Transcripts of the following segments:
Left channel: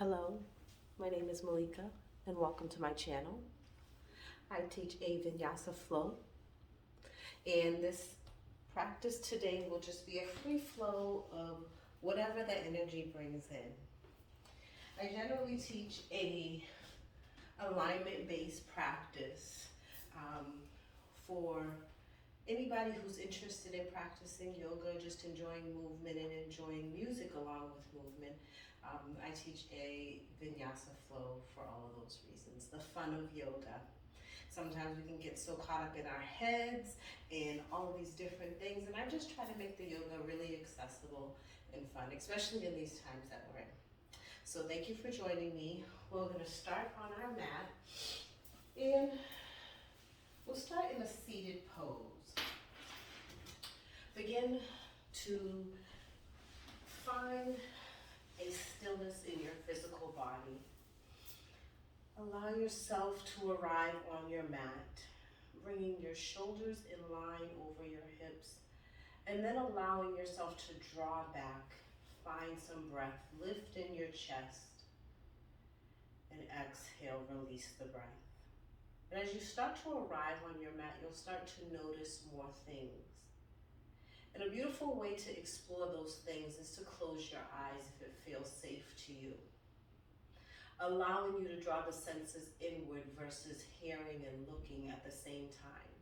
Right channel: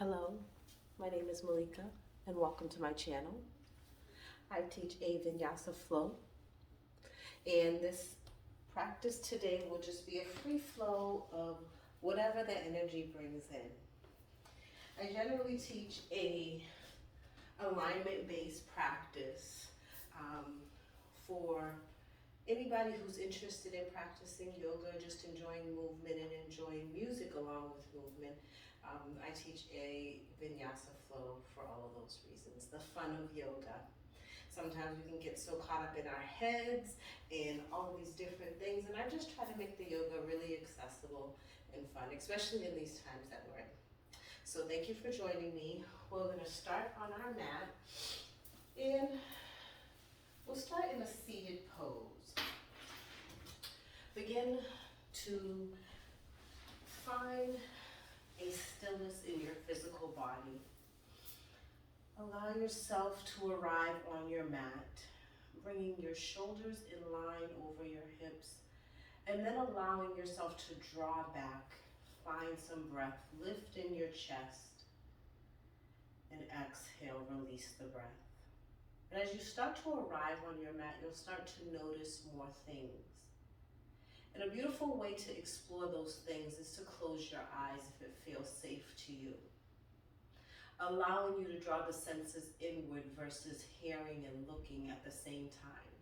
Hello, my name is Malika and welcome to my channel. I teach a vinyasa flow, and this practice today will just be a free flow of whatever the energy brings in. I generally teach a alignment-based practice for anybody who's interested in practicing yoga, just enjoying movement and enjoying music along with movement. I teach a vinyasa flow for all of those reasons, the fun of yoga. Sometimes we can get so caught up in our heads and all of these different things, and I just try to make the yoga really accessible and fun, especially in these times that we're in. So thank you for joining me. We're going to start on our mat, and we'll start in a seated pose. Begin to find a stillness in your physical body. Allow yourself to arrive on your mat, bringing your shoulders in line over your hips, and then allowing yourself to draw back. Find some breath. Lift in your chest, and exhale, release the breath. And as you start to arrive on your mat, you'll start to notice more things. And a beautiful way to explore those things is to close your eyes if it feels safe to you, allowing you to draw the senses inward versus hearing and looking at the same time.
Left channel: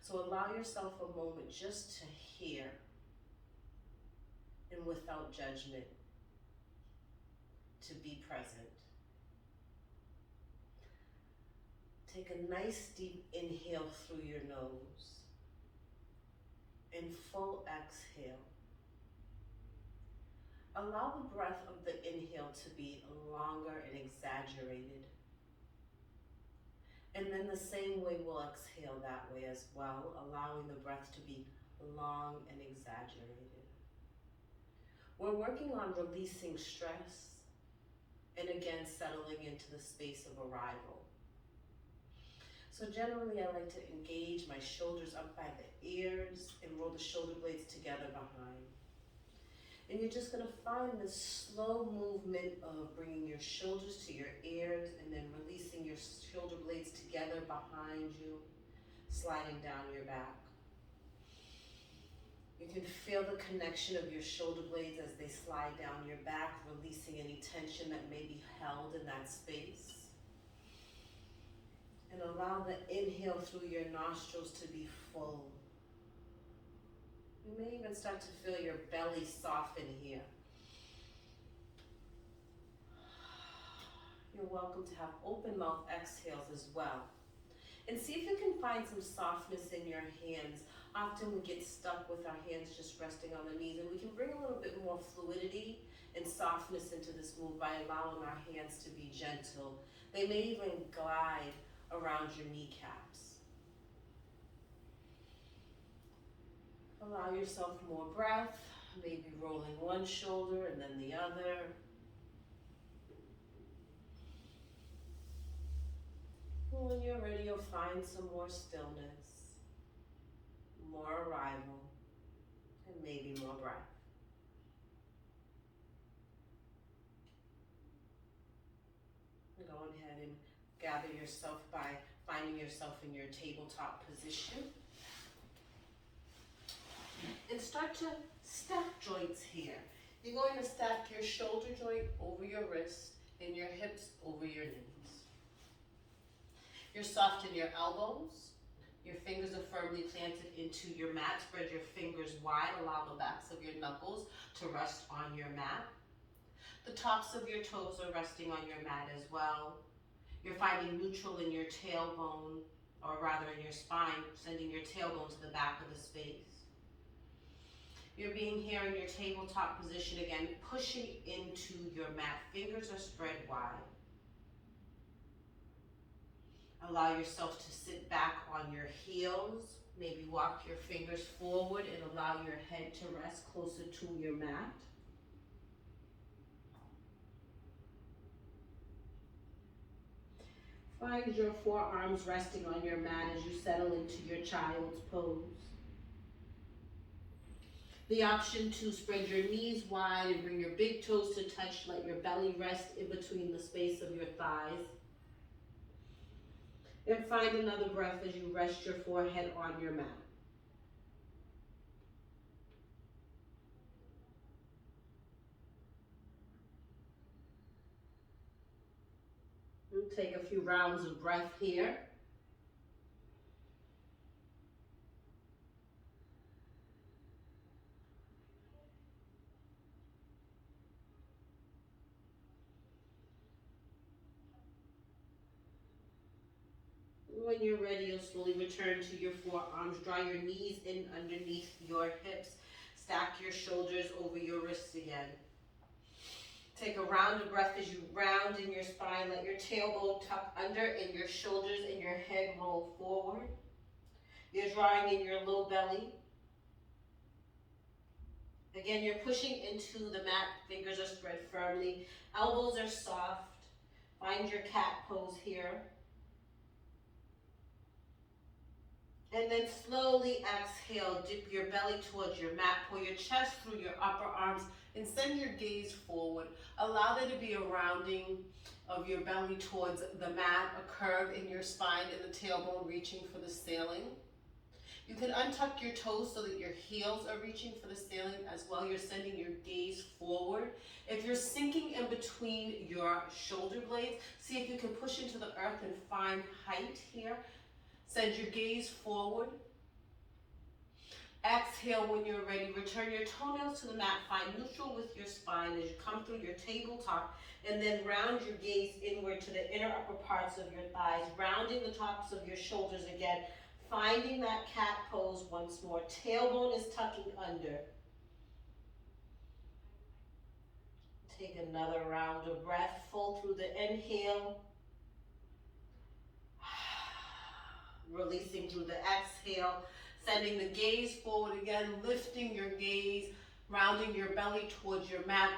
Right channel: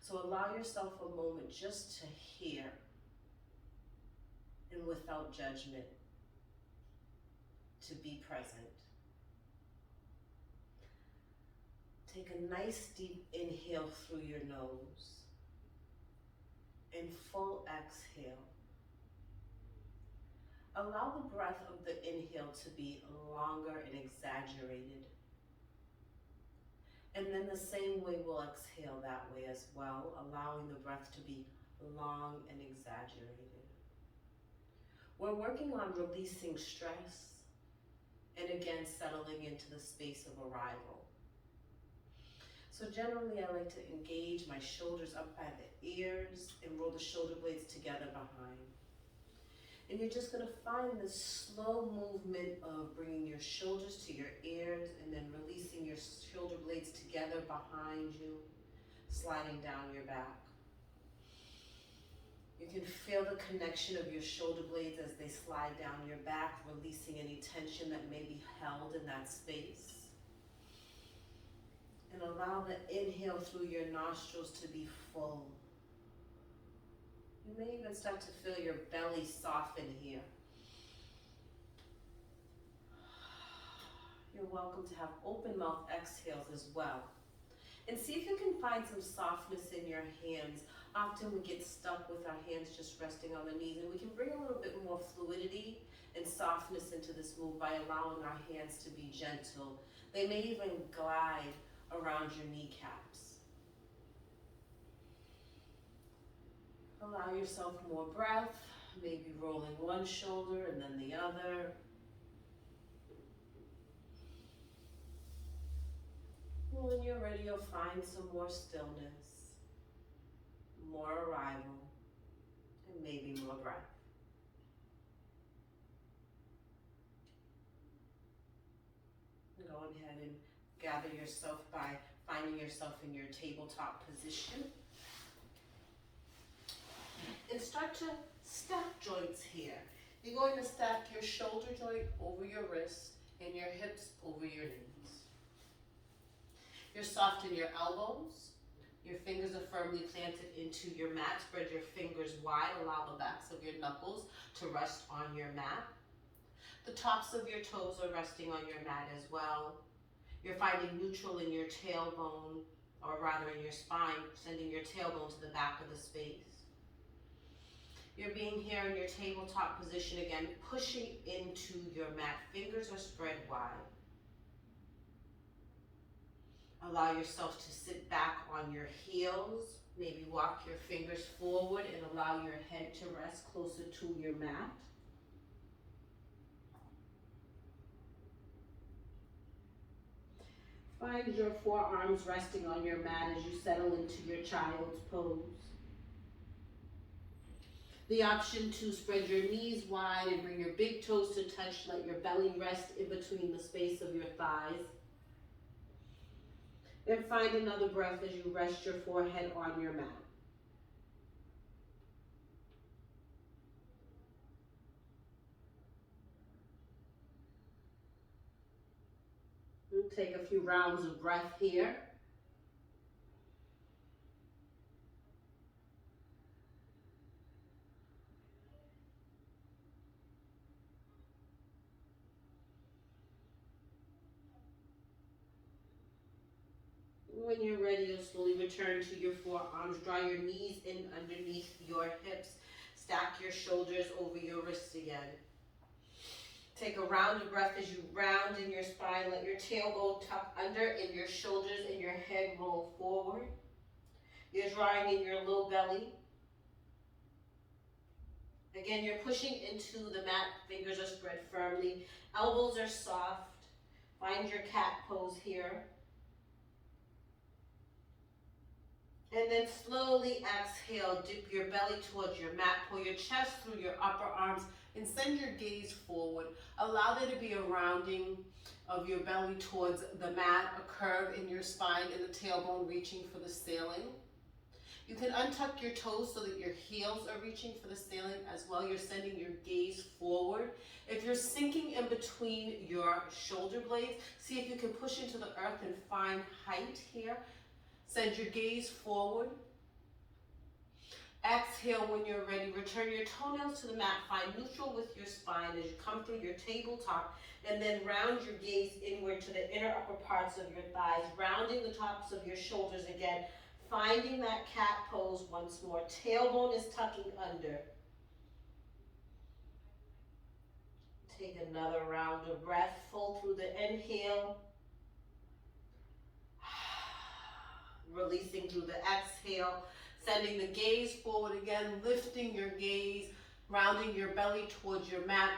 So allow yourself a moment just to hear, and without judgment, to be present. Take a nice deep inhale through your nose and full exhale. Allow the breath of the inhale to be longer and exaggerated. And then the same way we'll exhale that way as well, allowing the breath to be long and exaggerated. We're working on releasing stress and again settling into the space of arrival. So generally I like to engage my shoulders up by the ears and roll the shoulder blades together behind. And you're just going to find this slow movement of bringing your shoulders to your ears and then releasing your shoulder blades together behind you, sliding down your back. You can feel the connection of your shoulder blades as they slide down your back, releasing any tension that may be held in that space. And allow the inhale through your nostrils to be full. You may even start to feel your belly soften here. You're welcome to have open mouth exhales as well. And see if you can find some softness in your hands. Often we get stuck with our hands just resting on the knees, and we can bring a little bit more fluidity and softness into this move by allowing our hands to be gentle. They may even glide around your kneecaps. Allow yourself more breath, maybe rolling one shoulder and then the other. When you're ready, you'll find some more stillness, more arrival, and maybe more breath. Go ahead and gather yourself by finding yourself in your tabletop position. And start to stack joints here. You're going to stack your shoulder joint over your wrist and your hips over your knees. You're soft in your elbows. Your fingers are firmly planted into your mat. Spread your fingers wide. Allow the backs of your knuckles to rest on your mat. The tops of your toes are resting on your mat as well. You're finding neutral in your tailbone, or rather in your spine, sending your tailbone to the back of the space. You're being here in your tabletop position again, pushing into your mat. Fingers are spread wide. Allow yourself to sit back on your heels. Maybe walk your fingers forward and allow your head to rest closer to your mat. Find your forearms resting on your mat as you settle into your child's pose. The option to spread your knees wide and bring your big toes to touch. Let your belly rest in between the space of your thighs. And find another breath as you rest your forehead on your mat. We'll take a few rounds of breath here. When you're ready, you'll slowly return to your forearms. Draw your knees in underneath your hips. Stack your shoulders over your wrists again. Take a round of breath as you round in your spine. Let your tailbone tuck under and your shoulders and your head roll forward. You're drawing in your low belly. Again, you're pushing into the mat. Fingers are spread firmly. Elbows are soft. Find your cat pose here. And then slowly exhale, dip your belly towards your mat, pull your chest through your upper arms, and send your gaze forward. Allow there to be a rounding of your belly towards the mat, a curve in your spine, and the tailbone reaching for the ceiling. You can untuck your toes so that your heels are reaching for the ceiling as well. You're sending your gaze forward. If you're sinking in between your shoulder blades, see if you can push into the earth and find height here. Send your gaze forward. Exhale when you're ready. Return your toenails to the mat. Find neutral with your spine as you come through your tabletop, and then round your gaze inward to the inner upper parts of your thighs, rounding the tops of your shoulders again, finding that cat pose once more. Tailbone is tucking under. Take another round of breath, full through the inhale. Releasing through the exhale, sending the gaze forward again, lifting your gaze, rounding your belly towards your mat,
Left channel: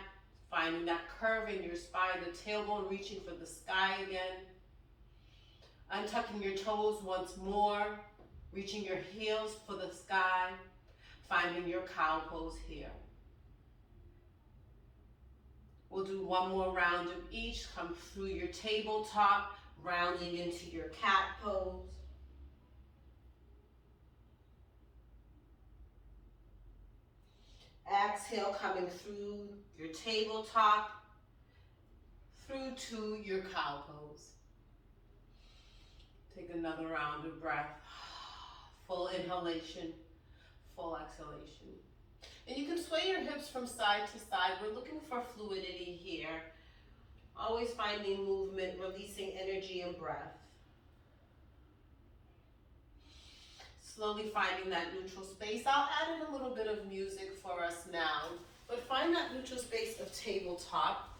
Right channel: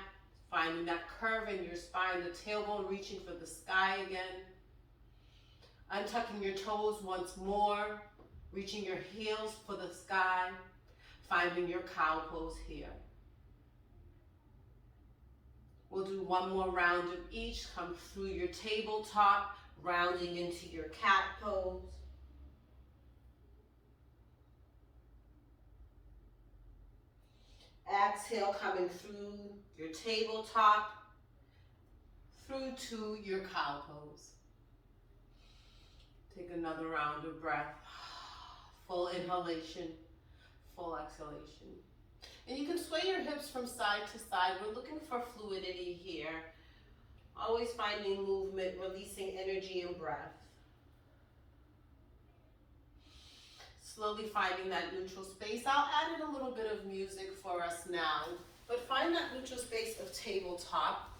finding that curve in your spine, the tailbone reaching for the sky again. Untucking your toes once more, reaching your heels for the sky, finding your cow pose here. We'll do one more round of each. Come through your tabletop, rounding into your cat pose. Exhale, coming through your tabletop, through to your cow pose. Take another round of breath. Full inhalation, full exhalation. And you can sway your hips from side to side. We're looking for fluidity here. Always finding movement, releasing energy and breath. Slowly finding that neutral space. I'll add in a little bit of music for us now, but find that neutral space of tabletop.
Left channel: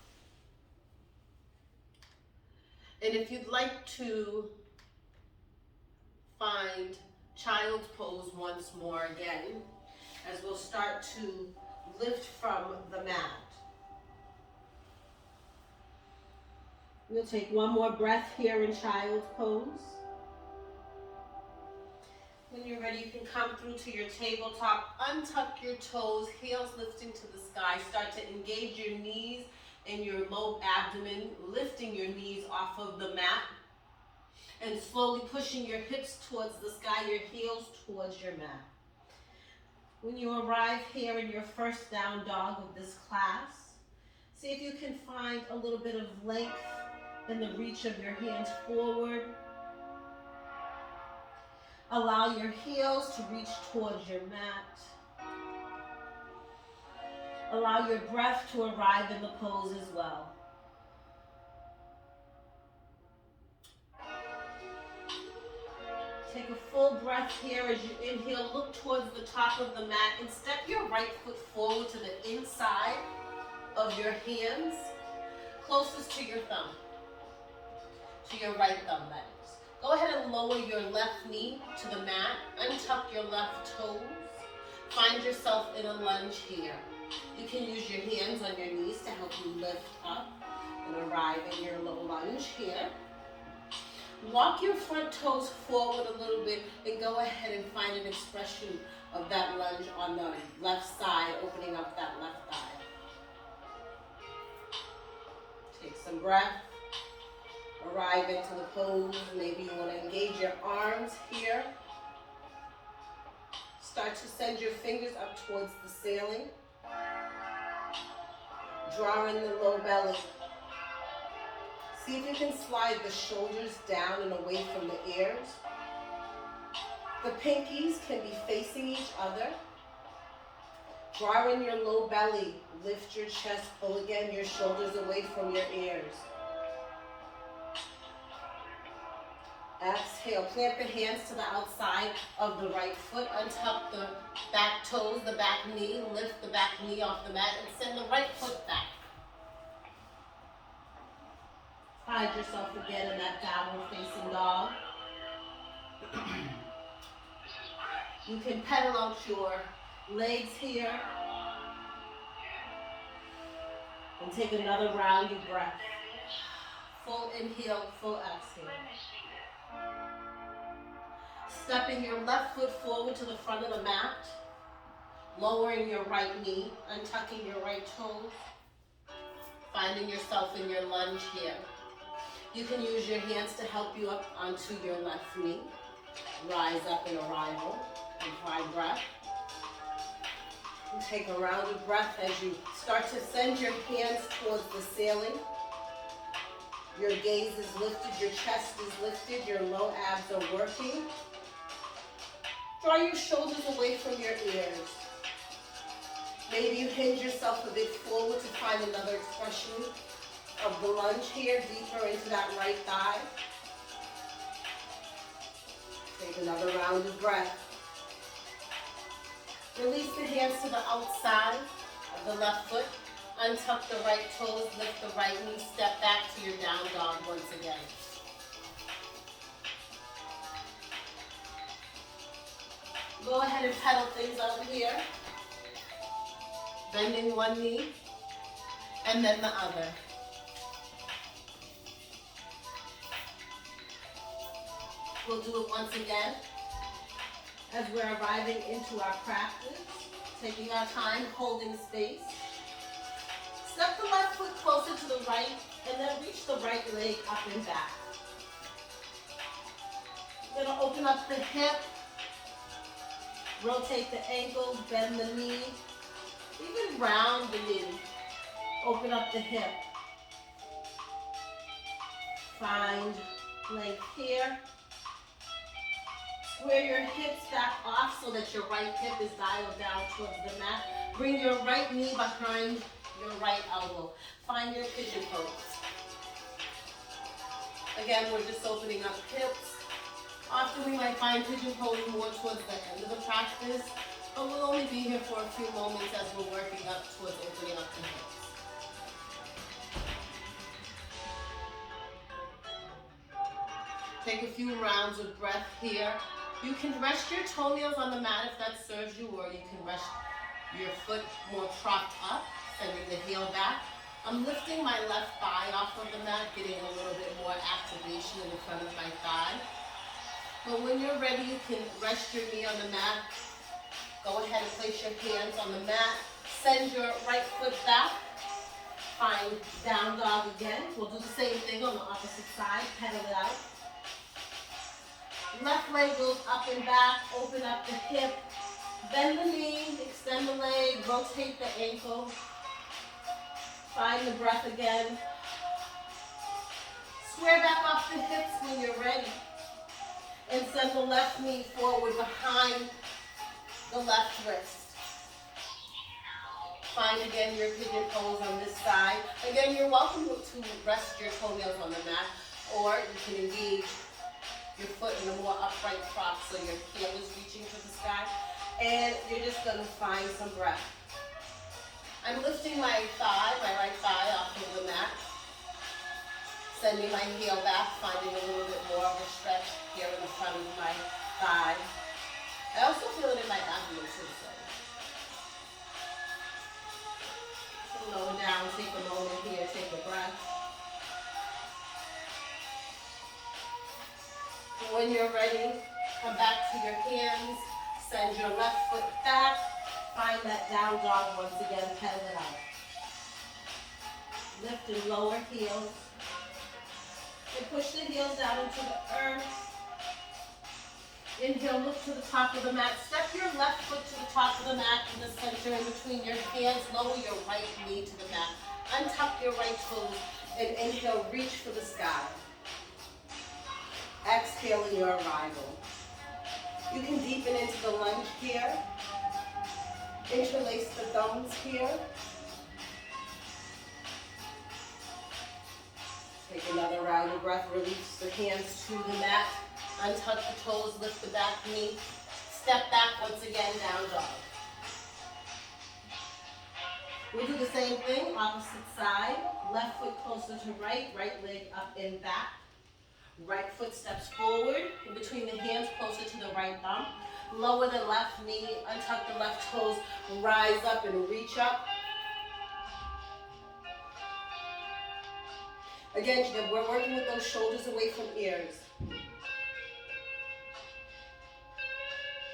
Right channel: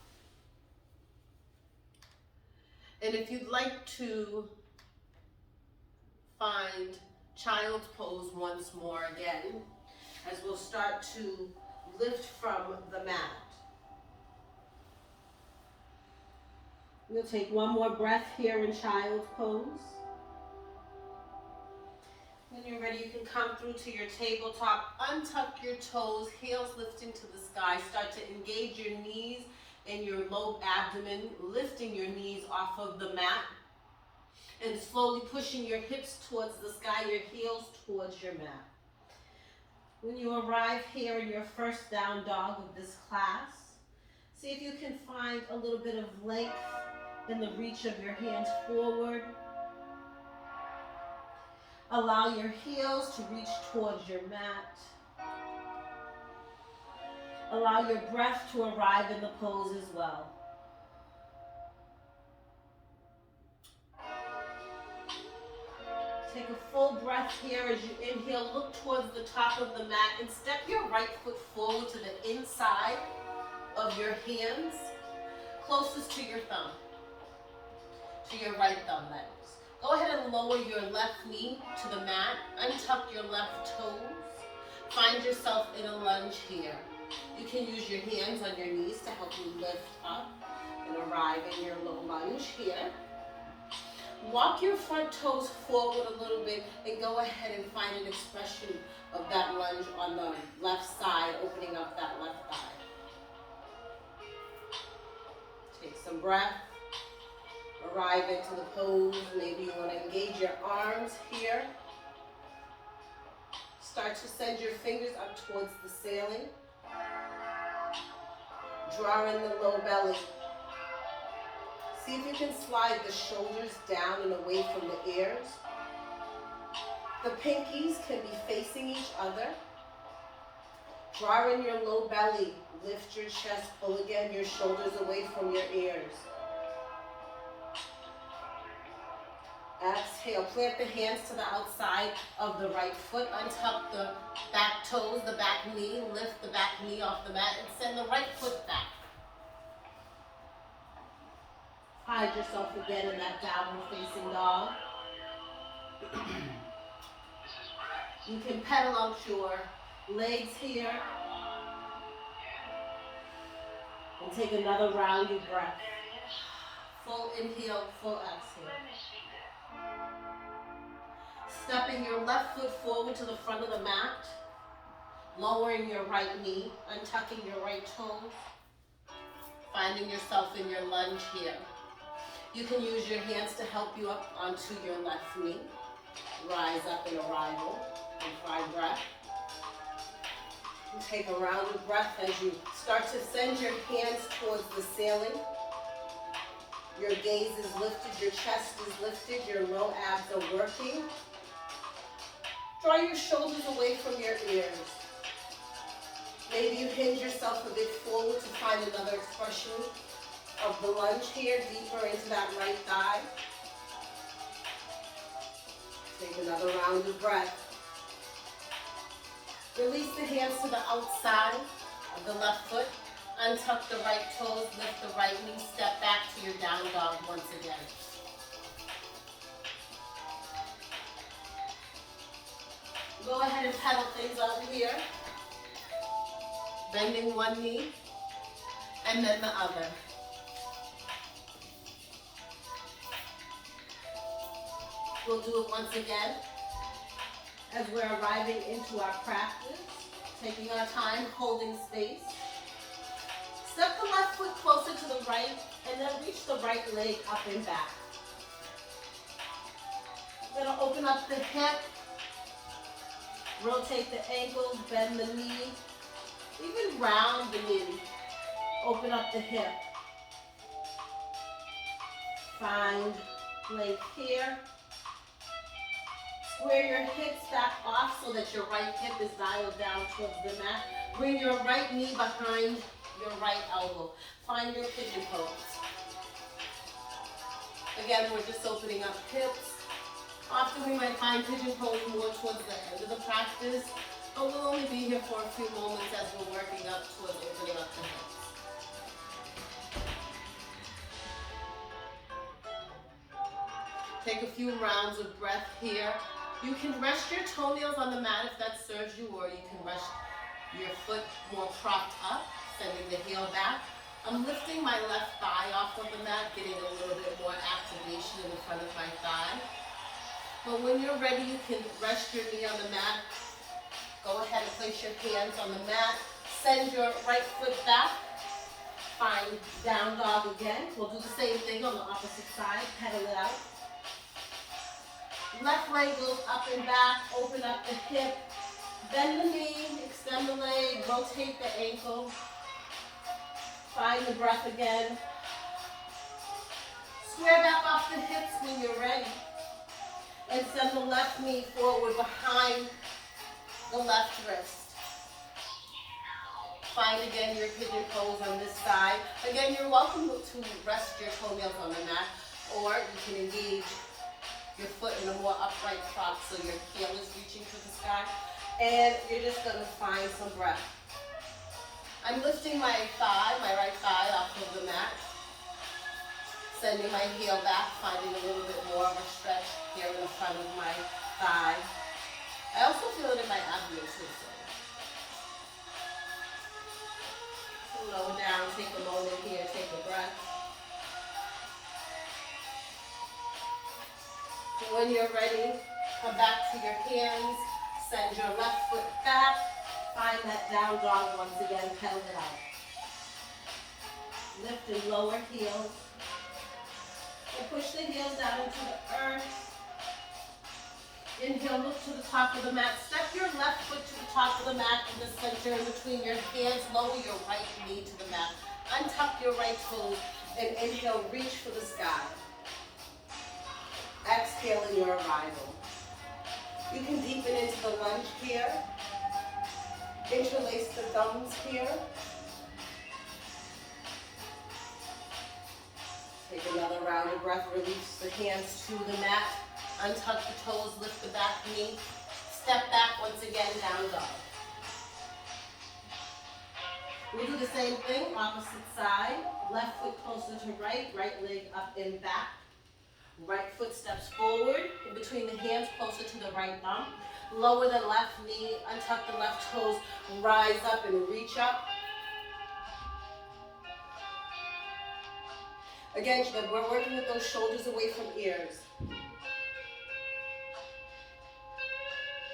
And if you'd like to find child's pose once more again, as we'll start to lift from the mat. We'll take one more breath here in child's pose. When you're ready, you can come through to your tabletop, untuck your toes, heels lifting to the sky. Start to engage your knees and your low abdomen, lifting your knees off of the mat and slowly pushing your hips towards the sky, your heels towards your mat. When you arrive here in your first down dog of this class, see if you can find a little bit of length in the reach of your hands forward. Allow your heels to reach towards your mat. Allow your breath to arrive in the pose as well. Take a full breath here as you inhale. Look towards the top of the mat and step your right foot forward to the inside of your hands, closest to your thumb, to your right thumb, that is. Go ahead and lower your left knee to the mat. Untuck your left toes. Find yourself in a lunge here. You can use your hands on your knees to help you lift up and arrive in your low lunge here. Walk your front toes forward a little bit and go ahead and find an expression of that lunge on the left side, opening up that left thigh. Take some breath. Arrive into the pose. Maybe you want to engage your arms here. Start to send your fingers up towards the ceiling. Draw in the low belly. See if you can slide the shoulders down and away from the ears. The pinkies can be facing each other. Draw in your low belly. Lift your chest. Pull again your shoulders away from your ears. Exhale. Plant the hands to the outside of the right foot. Untuck the back toes, the back knee. Lift the back knee off the mat and send the right foot back. Hide yourself again in that downward facing dog. You can pedal out your legs here. And take another round of breath. Full inhale, full exhale. Stepping your left foot forward to the front of the mat. Lowering your right knee, untucking your right toes. Finding yourself in your lunge here. You can use your hands to help you up onto your left knee. Rise up in arrival. And try breath. And take a round of breath as you start to send your hands towards the ceiling. Your gaze is lifted, your chest is lifted, your low abs are working. Draw your shoulders away from your ears. Maybe you hinge yourself a bit forward to find another expression of the lunge here, deeper into that right thigh. Take another round of breath. Release the hands to the outside of the left foot. Untuck the right toes, lift the right knee, step back to your down dog once again. Go ahead and pedal things over here. Bending one knee and then the other. We'll do it once again as we're arriving into our practice, taking our time, holding space. Step the left foot closer to the right and then reach the right leg up and back. You're going to open up the hip, rotate the ankle, bend the knee, even round the knee. Open up the hip. Find length here. Square your hips back off so that your right hip is dialed down towards the mat. Bring your right knee behind your right elbow. Find your pigeon pose. Again, we're just opening up hips. Often we might find pigeon pose more towards the end of the practice, but we'll only be here for a few moments as we're working up towards opening up the hips. Take a few rounds of breath here. You can rest your toenails on the mat if that serves you, or you can rest your foot more propped up, sending the heel back. I'm lifting my left thigh off of the mat, getting a little bit more activation in the front of my thigh. But when you're ready, you can rest your knee on the mat. Go ahead and place your hands on the mat. Send your right foot back. Find down dog again. We'll do the same thing on the opposite side. Pedal it out. Left leg goes up and back. Open up the hip. Bend the knee. Extend the leg. Rotate the ankle. Find the breath again. Square back off the hips when you're ready. And send the left knee forward behind the left wrist. Find again your pigeon pose on this side. Again, you're welcome to rest your toenails on the mat, or you can engage your foot in a more upright prop so your heel is reaching to the sky. And you're just going to find some breath. I'm lifting my right thigh off of the mat. Sending my heel back, finding a little bit more of a stretch here in the front of my thigh. I also feel it in my abdomen too. So lower down, take a moment here, take a breath. When you're ready, come back to your hands. Send your left foot back. Find that down dog once again, pedal it out. Lift and lower heels. And push the heels down into the earth. Inhale, look to the top of the mat. Step your left foot to the top of the mat in the center in between your hands. Lower your right knee to the mat. Untuck your right toes and inhale, reach for the sky. Exhale in your arrival. You can deepen into the lunge here. Interlace the thumbs here. Take another round of breath. Release the hands to the mat. Untuck the toes, lift the back knee. Step back once again, down dog. We'll do the same thing, opposite side. Left foot closer to right, right leg up and back. Right foot steps forward, in between the hands, closer to the right thumb. Lower the left knee, untuck the left toes, rise up and reach up. Again, we're working with those shoulders away from ears.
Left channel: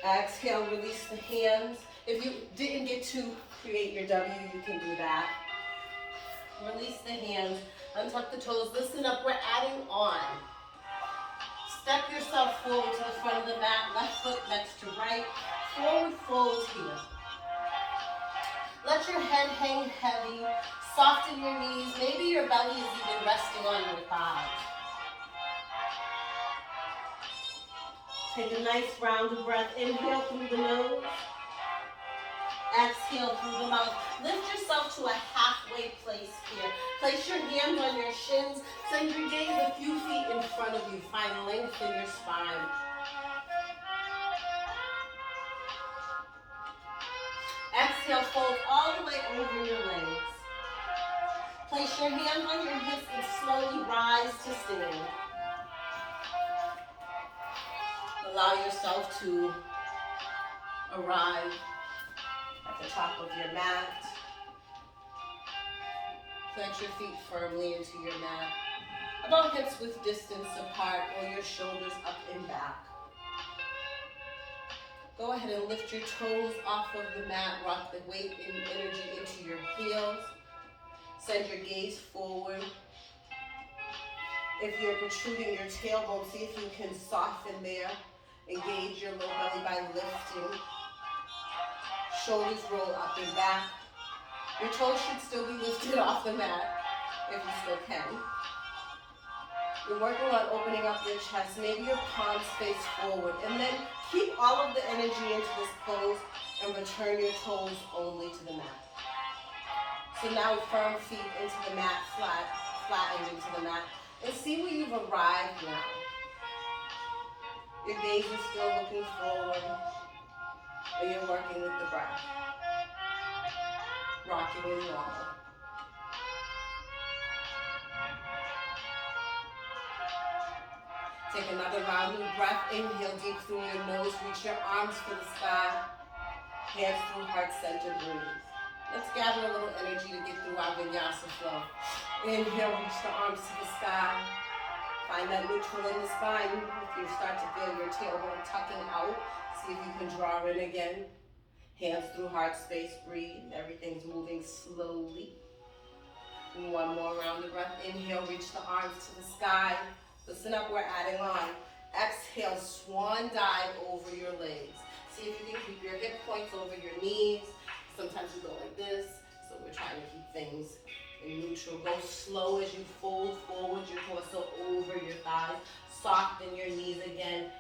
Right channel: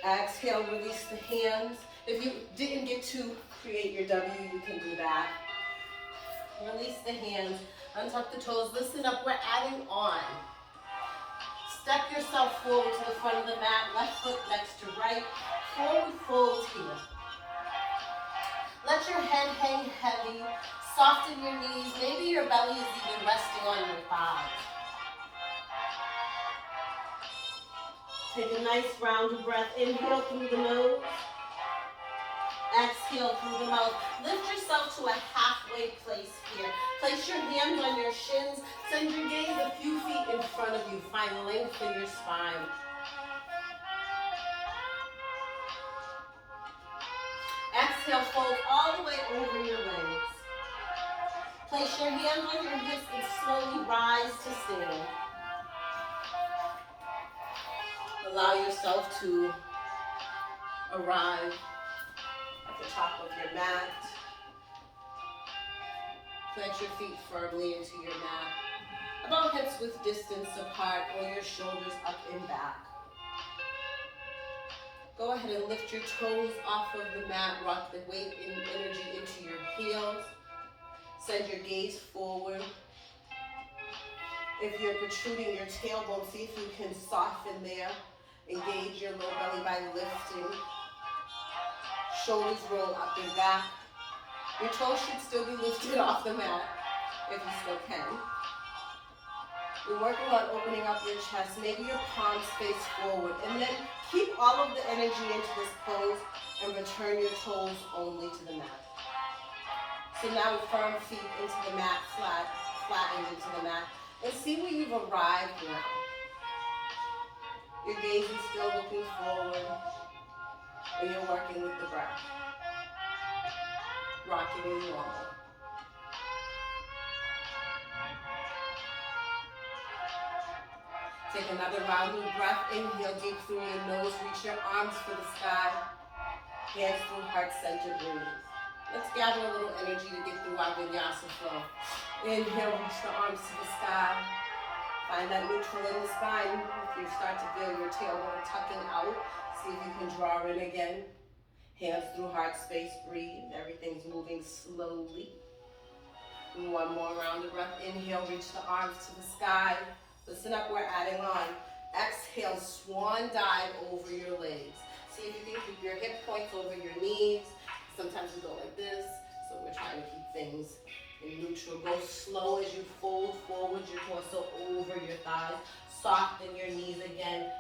Exhale, release the hands. If you didn't get to create your W, you can do that. Release the hands, untuck the toes, listen up, we're adding on. Step yourself forward to the front of the mat, left foot next to right, forward fold here. Let your head hang heavy, soften your knees, maybe your belly is even resting on your thighs. Take a nice round of breath. Inhale through the nose. Exhale through the mouth. Lift yourself to a halfway place here. Place your hands on your shins. Send your gaze a few feet in front of you. Find length in your spine. Exhale, fold all the way over your legs. Place your hands on your hips and slowly rise to stand. Allow yourself to arrive at the top of your mat. Plant your feet firmly into your mat. About hips width distance apart or your shoulders up and back. Go ahead and lift your toes off of the mat. Rock the weight and energy into your heels. Send your gaze forward. If you're protruding your tailbone, see if you can soften there. Engage your low belly by lifting. Shoulders roll up and back. Your toes should still be lifted off the mat if you still can. You're working on opening up your chest. Maybe your palms face forward. And then keep all of the energy into this pose and return your toes only to the mat. So now firm feet into the mat, flattened into the mat. And see where you've arrived now. Your gaze is still looking forward, and you're working with the breath. Rocking is normal. Take another round of breath. Inhale deep through your nose. Reach your arms for the sky. Hands through heart center. Breathe. Let's gather a little energy to get through our vinyasa flow. Inhale, reach the arms to the sky. Find that neutral in the spine. If you start to feel your tailbone tucking out, see if you can draw in again. Hands through heart space, breathe. Everything's moving slowly. And one more round of breath. Inhale, reach the arms to the sky. Listen up, we're adding on. Exhale, swan dive over your legs. See if you can keep your hip points over your knees. Sometimes we go like this, so we're trying to keep things in neutral. Go slow as you fold forward your torso over your thighs. Soften your knees again.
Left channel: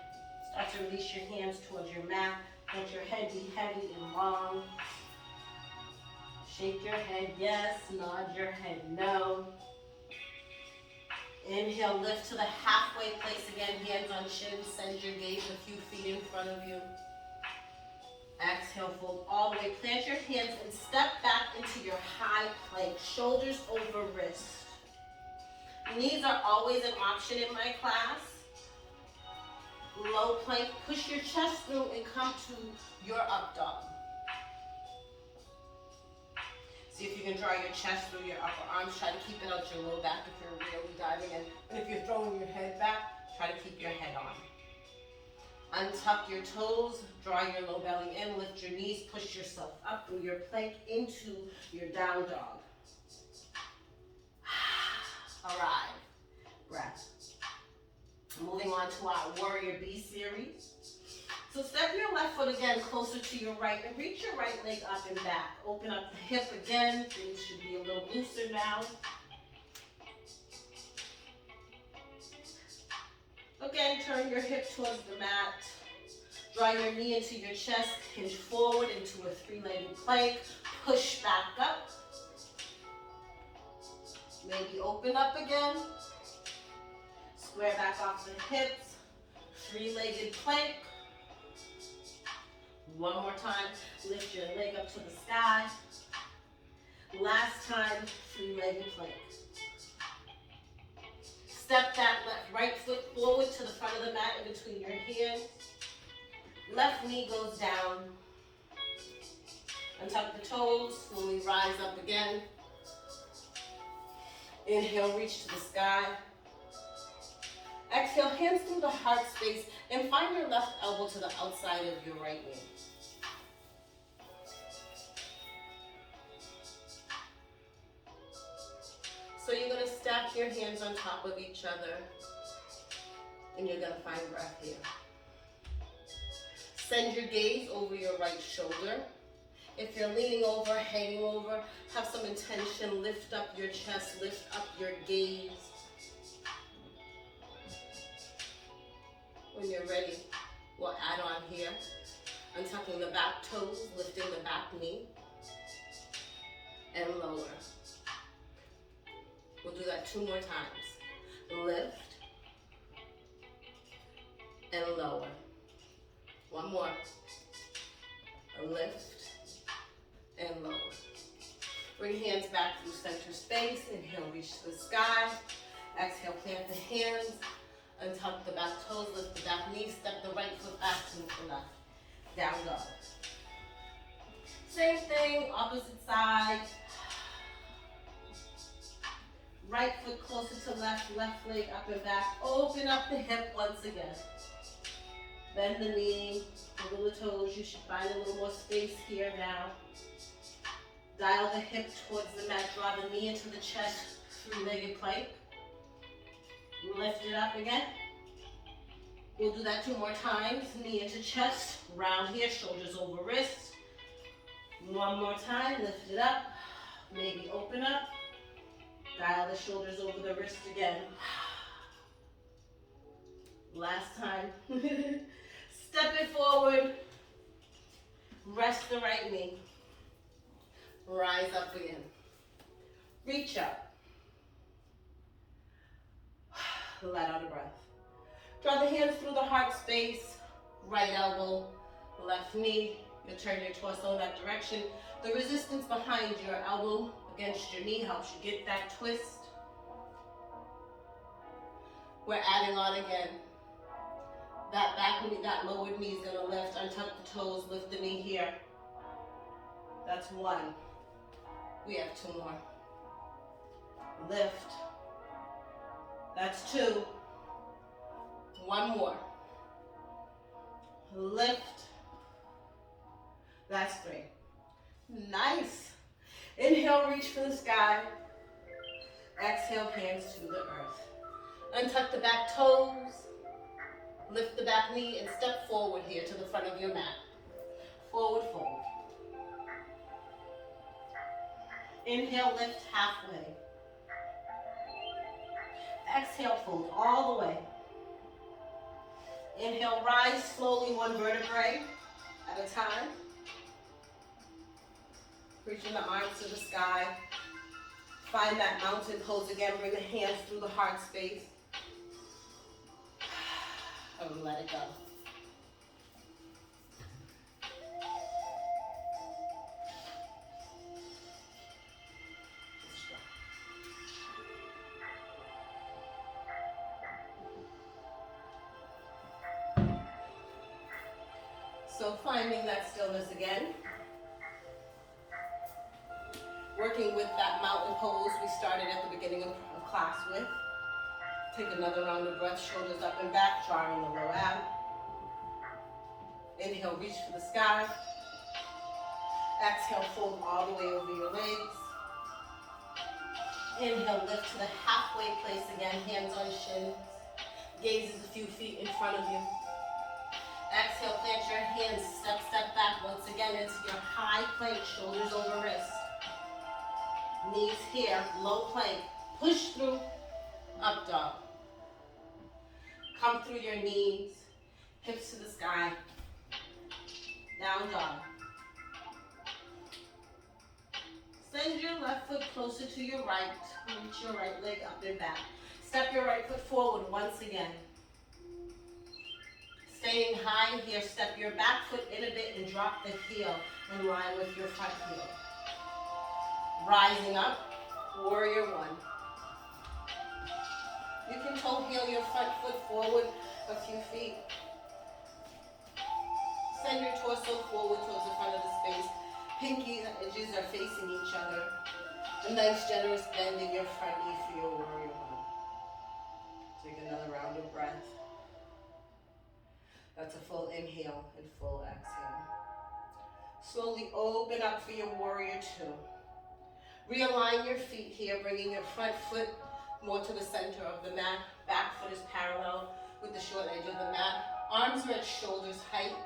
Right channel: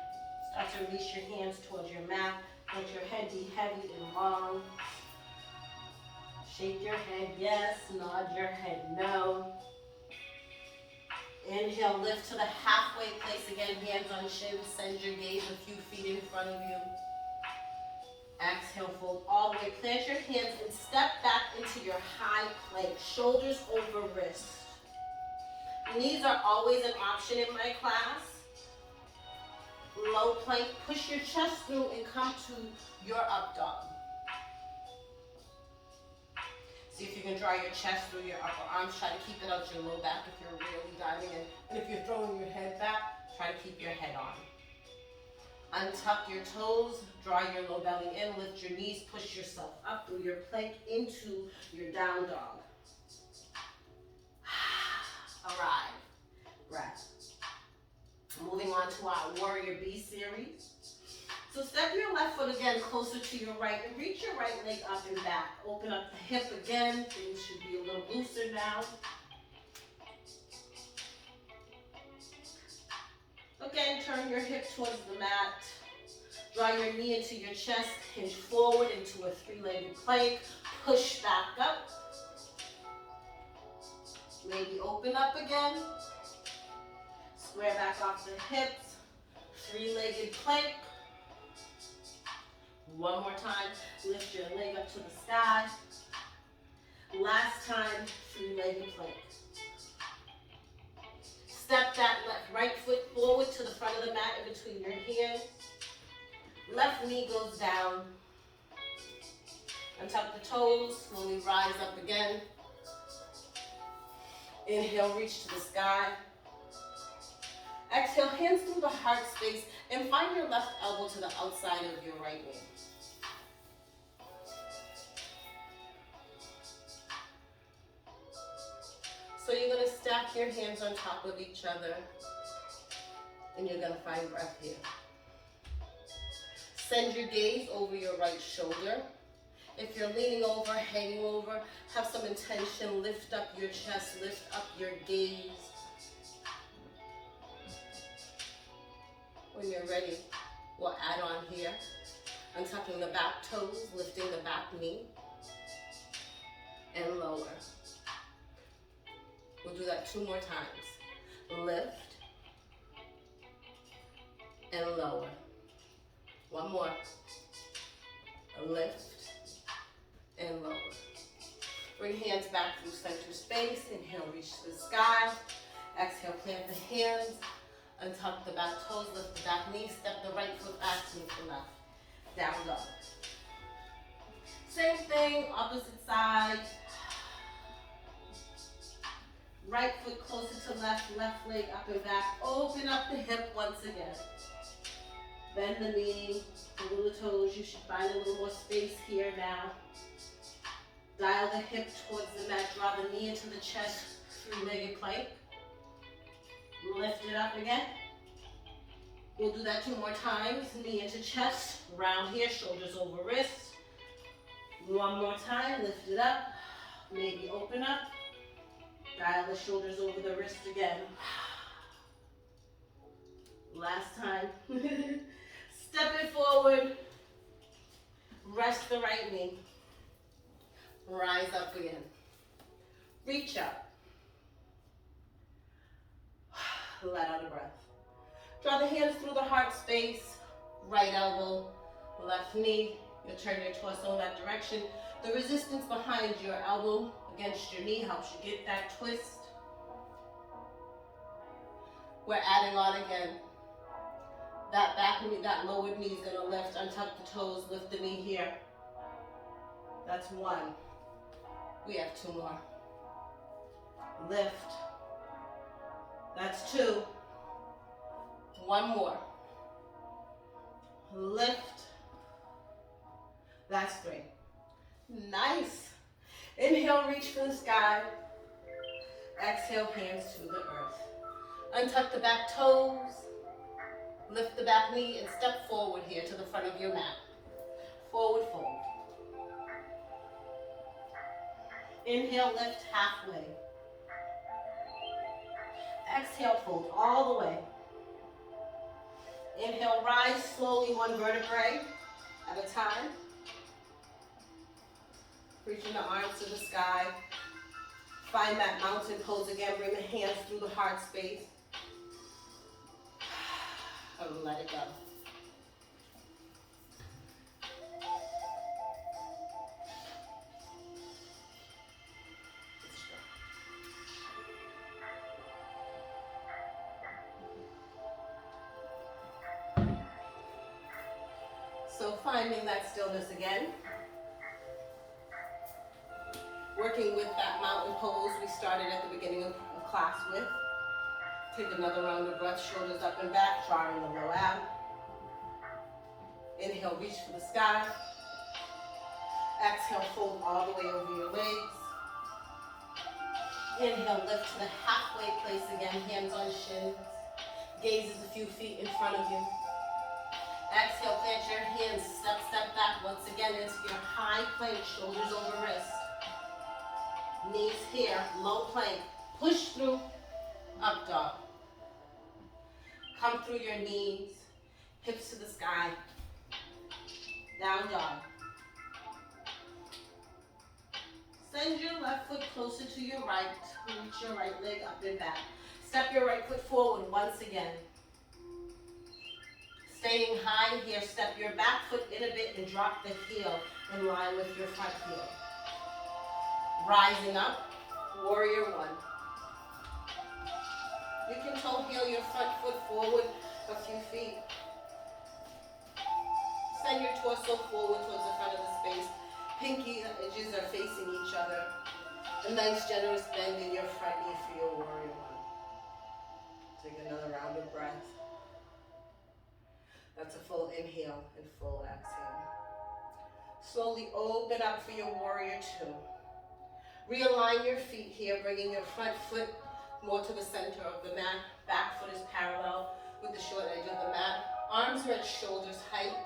Start to release your hands towards your mat. Let your head be heavy and long. Shake your head yes, nod your head no. Inhale, lift to the halfway place again. Hands on shins. Send your gaze a few feet in front of you. Exhale, fold all the way. Plant your hands and step back into your high plank. Shoulders over wrist. Knees are always an option in my class. Low plank. Push your chest through and come to your up dog. See if you can draw your chest through your upper arms. Try to keep it out your low back if you're really diving in. And if you're throwing your head back, try to keep your head on. Untuck your toes, draw your low belly in, lift your knees, push yourself up through your plank into your down dog. Arrive. Breath. Moving on to our Warrior B series. So step your left foot again closer to your right and reach your right leg up and back. Open up the hip again. Things should be a little looser now. Again, turn your hip towards the mat. Draw your knee into your chest. Hinge forward into a three-legged plank. Push back up. Maybe open up again. Square back off the hips. Three-legged plank. One more time. Lift your leg up to the sky. Last time, three-legged plank. Step that right foot forward to the front of the mat in between your hands. Left knee goes down. Untuck the toes, slowly rise up again. Inhale, reach to the sky. Exhale, hands through the heart space and find your left elbow to the outside of your right knee. So you're going to stack your hands on top of each other and you're going to find breath here. Send your gaze over your right shoulder. If you're leaning over, hanging over, have some intention. Lift up your chest, lift up your gaze. When you're ready, we'll add on here. Untucking the back toes, lifting the back knee, and lower. We'll do that 2 more times. Lift and lower. One more. Lift and lower. Bring hands back through center space. Inhale, reach to the sky. Exhale, plant the hands. Untuck the back toes, lift the back knee. Step the right foot back to the left. Down dog. Same thing, opposite side. Right foot closer to left, left leg up and back. Open up the hip once again. Bend the knee, wiggle the toes. You should find a little more space here now. Dial the hip towards the mat, draw the knee into the chest, three-legged plank. Lift it up again. We'll do that 2 more times. Knee into chest, round here, shoulders over wrists. One more time, lift it up. Maybe open up. Dial the shoulders over the wrist again. Last time. Step it forward. Rest the right knee. Rise up again. Reach up. Let out a breath. Draw the hands through the heart space. Right elbow, left knee. You'll turn your torso in that direction. The resistance behind your elbow against your knee helps you get that twist. We're adding on again. That back knee, that lowered knee is gonna lift. Untuck the toes, lift the knee here. That's 1. We have 2 more. Lift. That's 2. 1 more. Lift. That's 3. Nice. Inhale, reach for the sky. Exhale, hands to the earth. Untuck the back toes. Lift the back knee and step forward here to the front of your mat. Forward fold. Inhale, lift halfway. Exhale, fold all the way. Inhale, rise slowly 1 vertebrae at a time. Reaching the arms to the sky. Find that mountain pose again. Bring the hands through the heart space. And let it go. So finding that stillness again. Working with that mountain pose we started at the beginning of class with. Take another round of breath, shoulders up and back, drawing the low out. Inhale, reach for the sky. Exhale, fold all the way over your legs. Inhale, lift to the halfway place again, hands on shins. Gaze is a few feet in front of you. Exhale, plant your hands, step back once again into your high plank, shoulders over wrists. Knees here, low plank. Push through, up dog. Come through your knees, hips to the sky. Down dog. Send your left foot closer to your right. Reach your right leg up and back. Step your right foot forward once again. Staying high here, step your back foot in a bit and drop the heel in line with your front heel. Rising up, warrior one. You can toe heel your front foot forward a few feet. Send your torso forward towards the front of the space. Pinky edges are facing each other. A nice generous bend in your front knee for your warrior one. Take another round of breath. That's a full inhale and full exhale. Slowly open up for your warrior two. Realign your feet here, bringing your front foot more to the center of the mat. Back foot is parallel with the short edge of the mat. Arms are at shoulders height.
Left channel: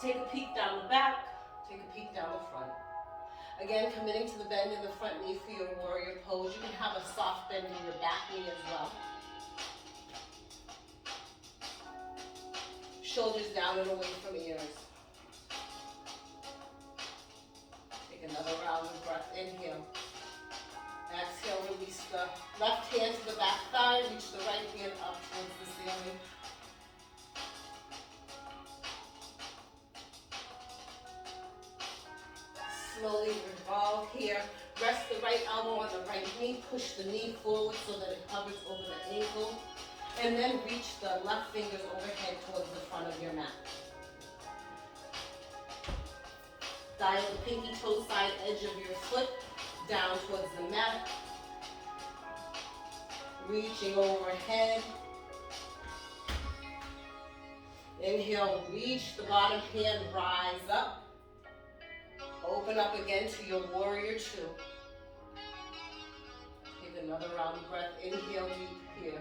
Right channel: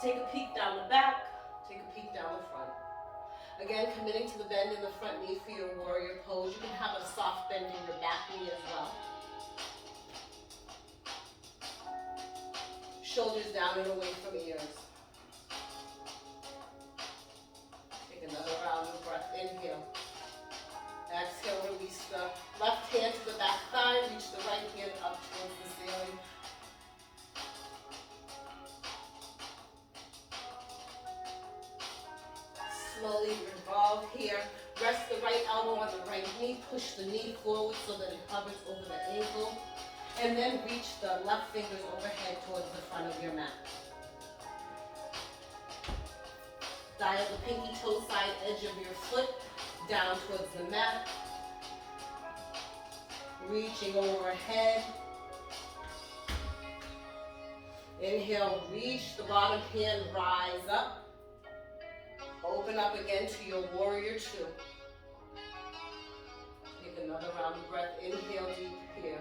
Take a peek down the back. Take a peek down the front. Again, committing to the bend in the front knee for your warrior pose. You can have a soft bend in your back knee as well. Shoulders down and away from ears. Take another round of breath. Inhale. Exhale, release the left hand to the back thigh. Reach the right hand up towards the ceiling. Slowly revolve here. Rest the right elbow on the right knee. Push the knee forward so that it hovers over the ankle. And then reach the left fingers overhead towards the front of your mat. Dial the pinky toe side edge of your foot down towards the mat. Reaching overhead. Inhale, reach the bottom hand, rise up. Open up again to your warrior two. Take another round of breath. Inhale deep here.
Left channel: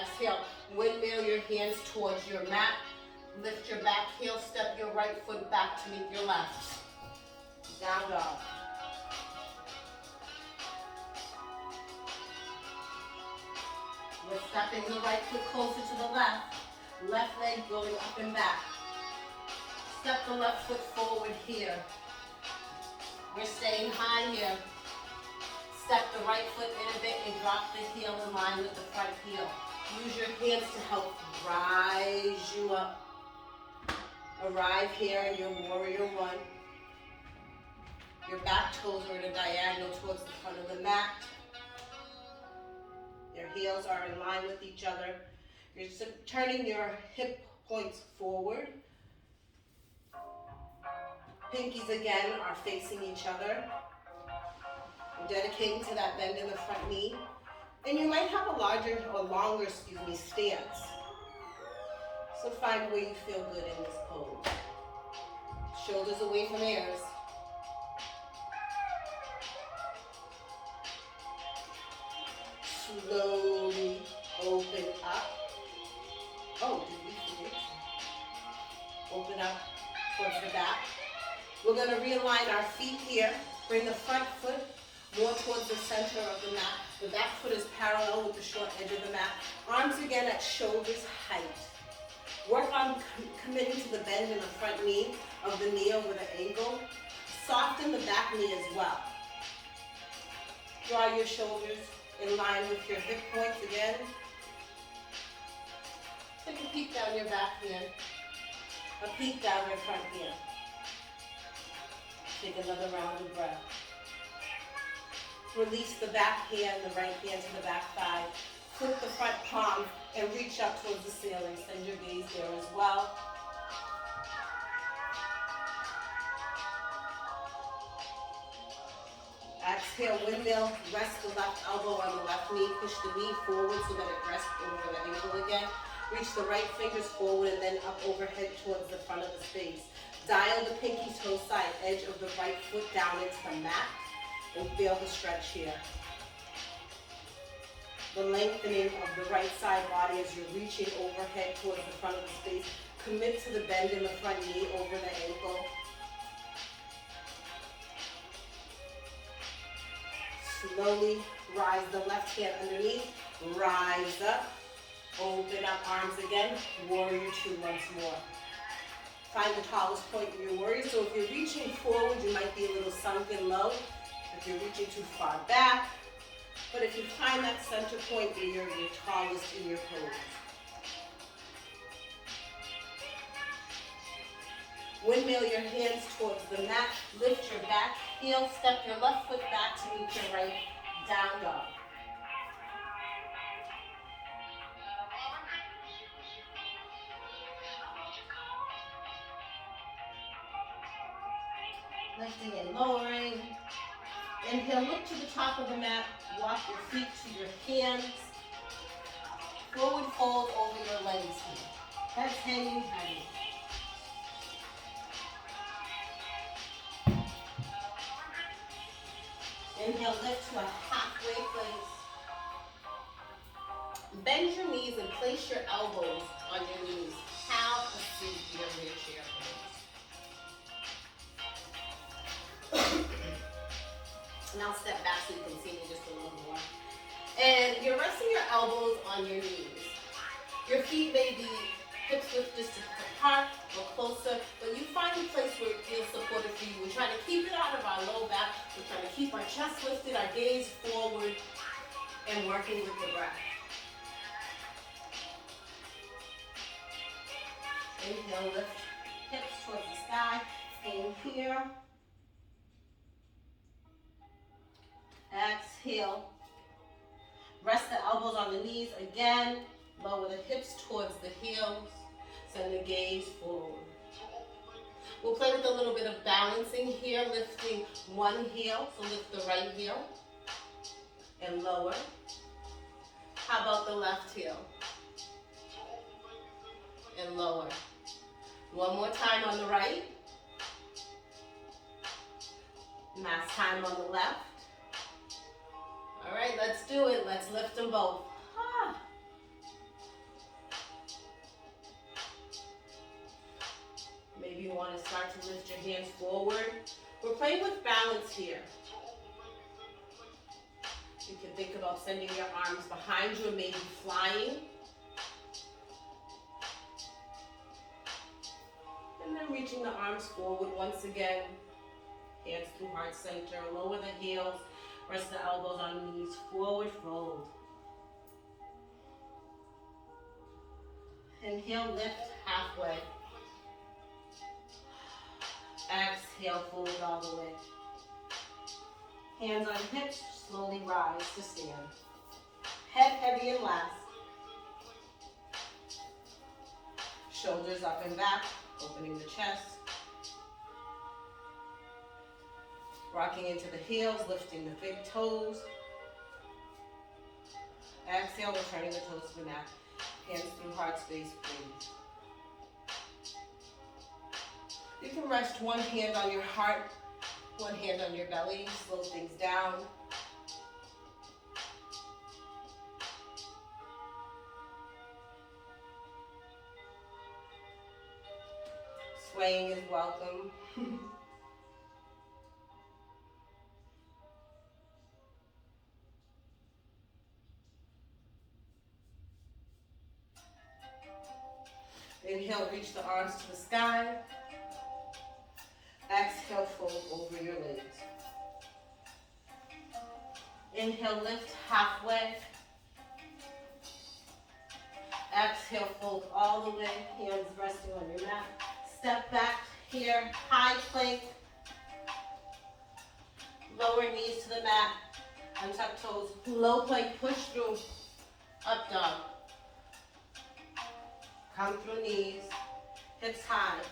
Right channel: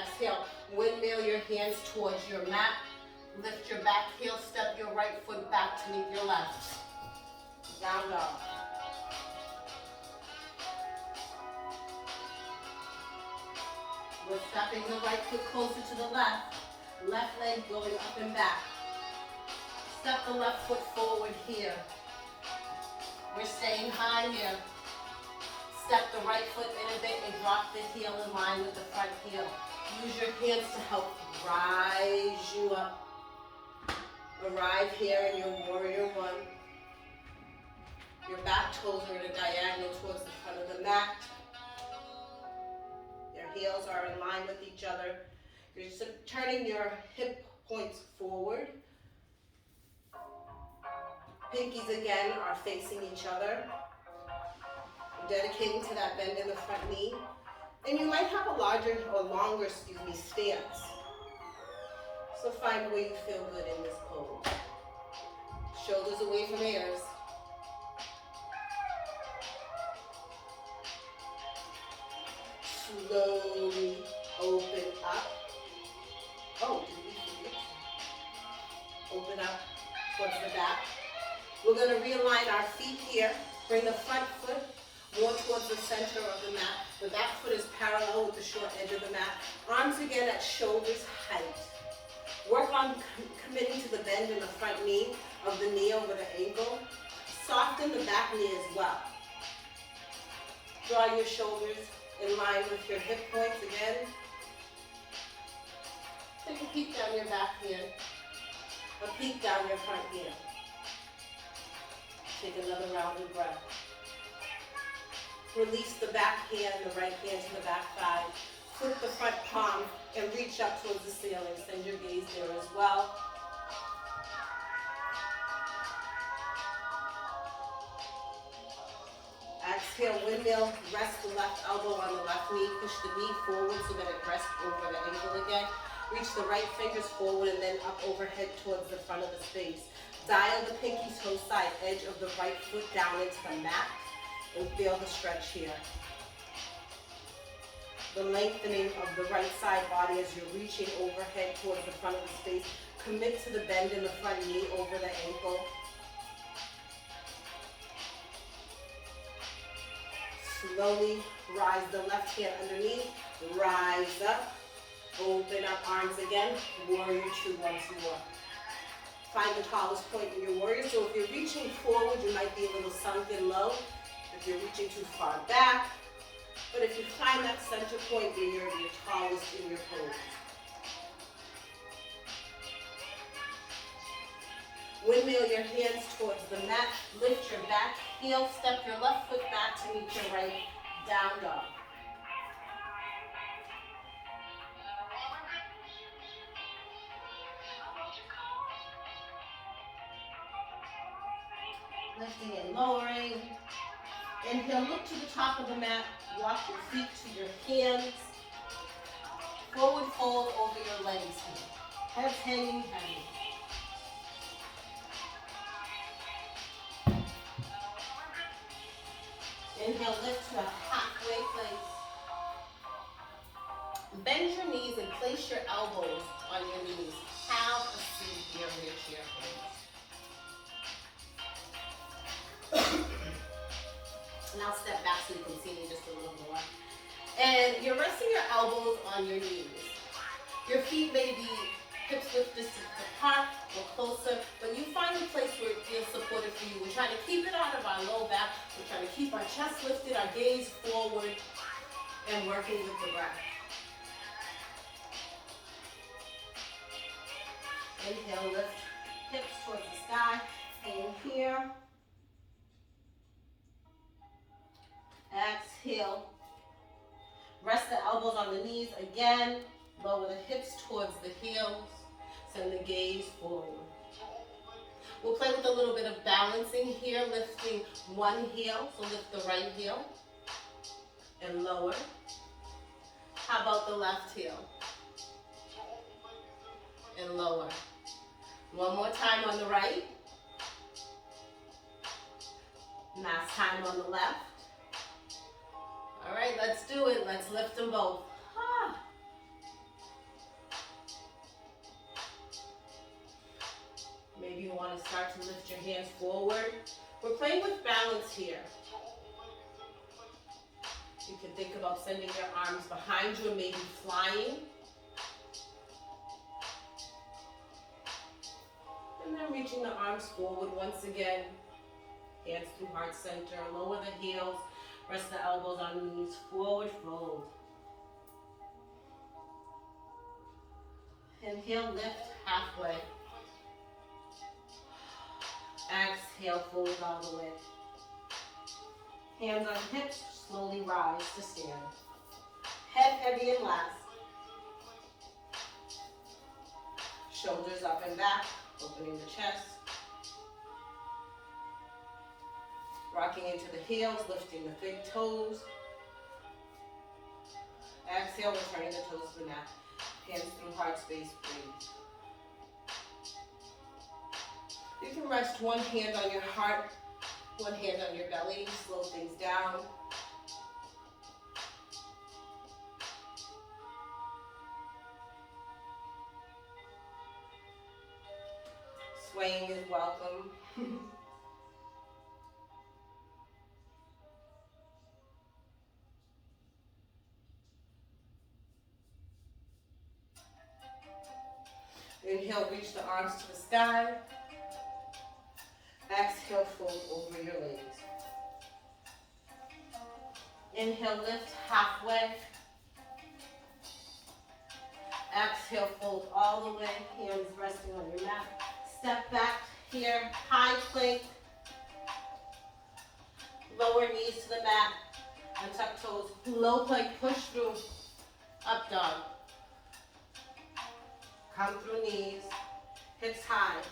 Exhale, windmill your hands towards your mat. Lift your back heel, step your right foot back to meet your left. Down dog. We're stepping the right foot closer to the left. Left leg going up and back. Step the left foot forward here. We're staying high here. Step the right foot in a bit and drop the heel in line with the front heel. Use your hands to help rise you up. Arrive here in your warrior one. Your back toes are at a diagonal towards the front of the mat. Your heels are in line with each other. You're turning your hip points forward. Pinkies again are facing each other. You're dedicating to that bend in the front knee. And you might have a larger or longer, stance. So find where you feel good in this pose. Shoulders away from ears. Slowly open up. Oh, did we forget? Open up towards the back. We're going to realign our feet here. Bring the front foot more towards the center of the mat. The back foot is parallel with the short edge of the mat. Arms again at shoulders height. Work on committing to the bend in the front knee of the knee over the ankle. Soften the back knee as well. Draw your shoulders in line with your hip points again. Take a peek down your back hand. A peek down your front hand. Take another round of breath. Release the back hand, the right hand to the back thigh. Flip the front palm and reach up towards the ceiling. Send your gaze there as well. Exhale, windmill. Rest the left elbow on the left knee. Push the knee forward so that it rests over the ankle again. Reach the right fingers forward and then up overhead towards the front of the space. Dial the pinky toe side edge of the right foot down into the mat and feel the stretch here. The lengthening of the right side body as you're reaching overhead towards the front of the space. Commit to the bend in the front knee over the ankle. Slowly rise the left hand underneath. Rise up. Open up arms again. Warrior two once more. Find the tallest point in your warrior. So if you're reaching forward, you might be a little sunken low. If you're reaching too far back. But if you find that center point where you're your tallest in your pose. Windmill your hands towards the mat. Lift your back heel. Step your left foot back to meet your right. Down dog. Lifting and lowering. Inhale, look to the top of the mat. Walk your feet to your hands. Forward fold over your legs here. Heads hanging heavy. Inhale, lift to a halfway place. Bend your knees and place your elbows on your knees. Have a seat here in your chair, please. Now step back so you can see me just a little more. And you're resting your elbows on your knees. Your feet may be hips width distance apart or closer, but you find a place where it feels supported for you. We're trying to keep it out of our low back. We're trying to keep our chest lifted, our gaze forward, and working with the breath. Inhale, lift hips towards the sky. Hang here. Exhale. Rest the elbows on the knees again. Lower the hips towards the heels. Send the gaze forward. We'll play with a little bit of balancing here, lifting one heel. So lift the right heel and lower. How about the left heel? And lower. One more time on the right. Last time on the left. All right, let's do it. Let's lift them both. Maybe you want to start to lift your hands forward. We're playing with balance here. You can think about sending your arms behind you and maybe flying. And then reaching the arms forward once again. Hands through heart center. Lower the heels. Rest the elbows on the knees. Forward fold. Inhale, lift halfway. Exhale, fold all the way. Hands on hips, slowly rise to stand. Head heavy and last. Shoulders up and back, opening the chest. Rocking into the heels, lifting the big toes. Exhale, returning the toes to the mat. Hands through heart space, breathe. You can rest one hand on your heart, one hand on your belly, slow things down. Swaying is welcome. Inhale, reach the arms to the sky. Exhale, fold over your legs. Inhale, lift halfway. Exhale, fold all the way. Hands resting on your mat. Step back here, high plank. Lower knees to the mat. Untuck toes. Low plank, push through. Up dog. Come through knees. Hips high.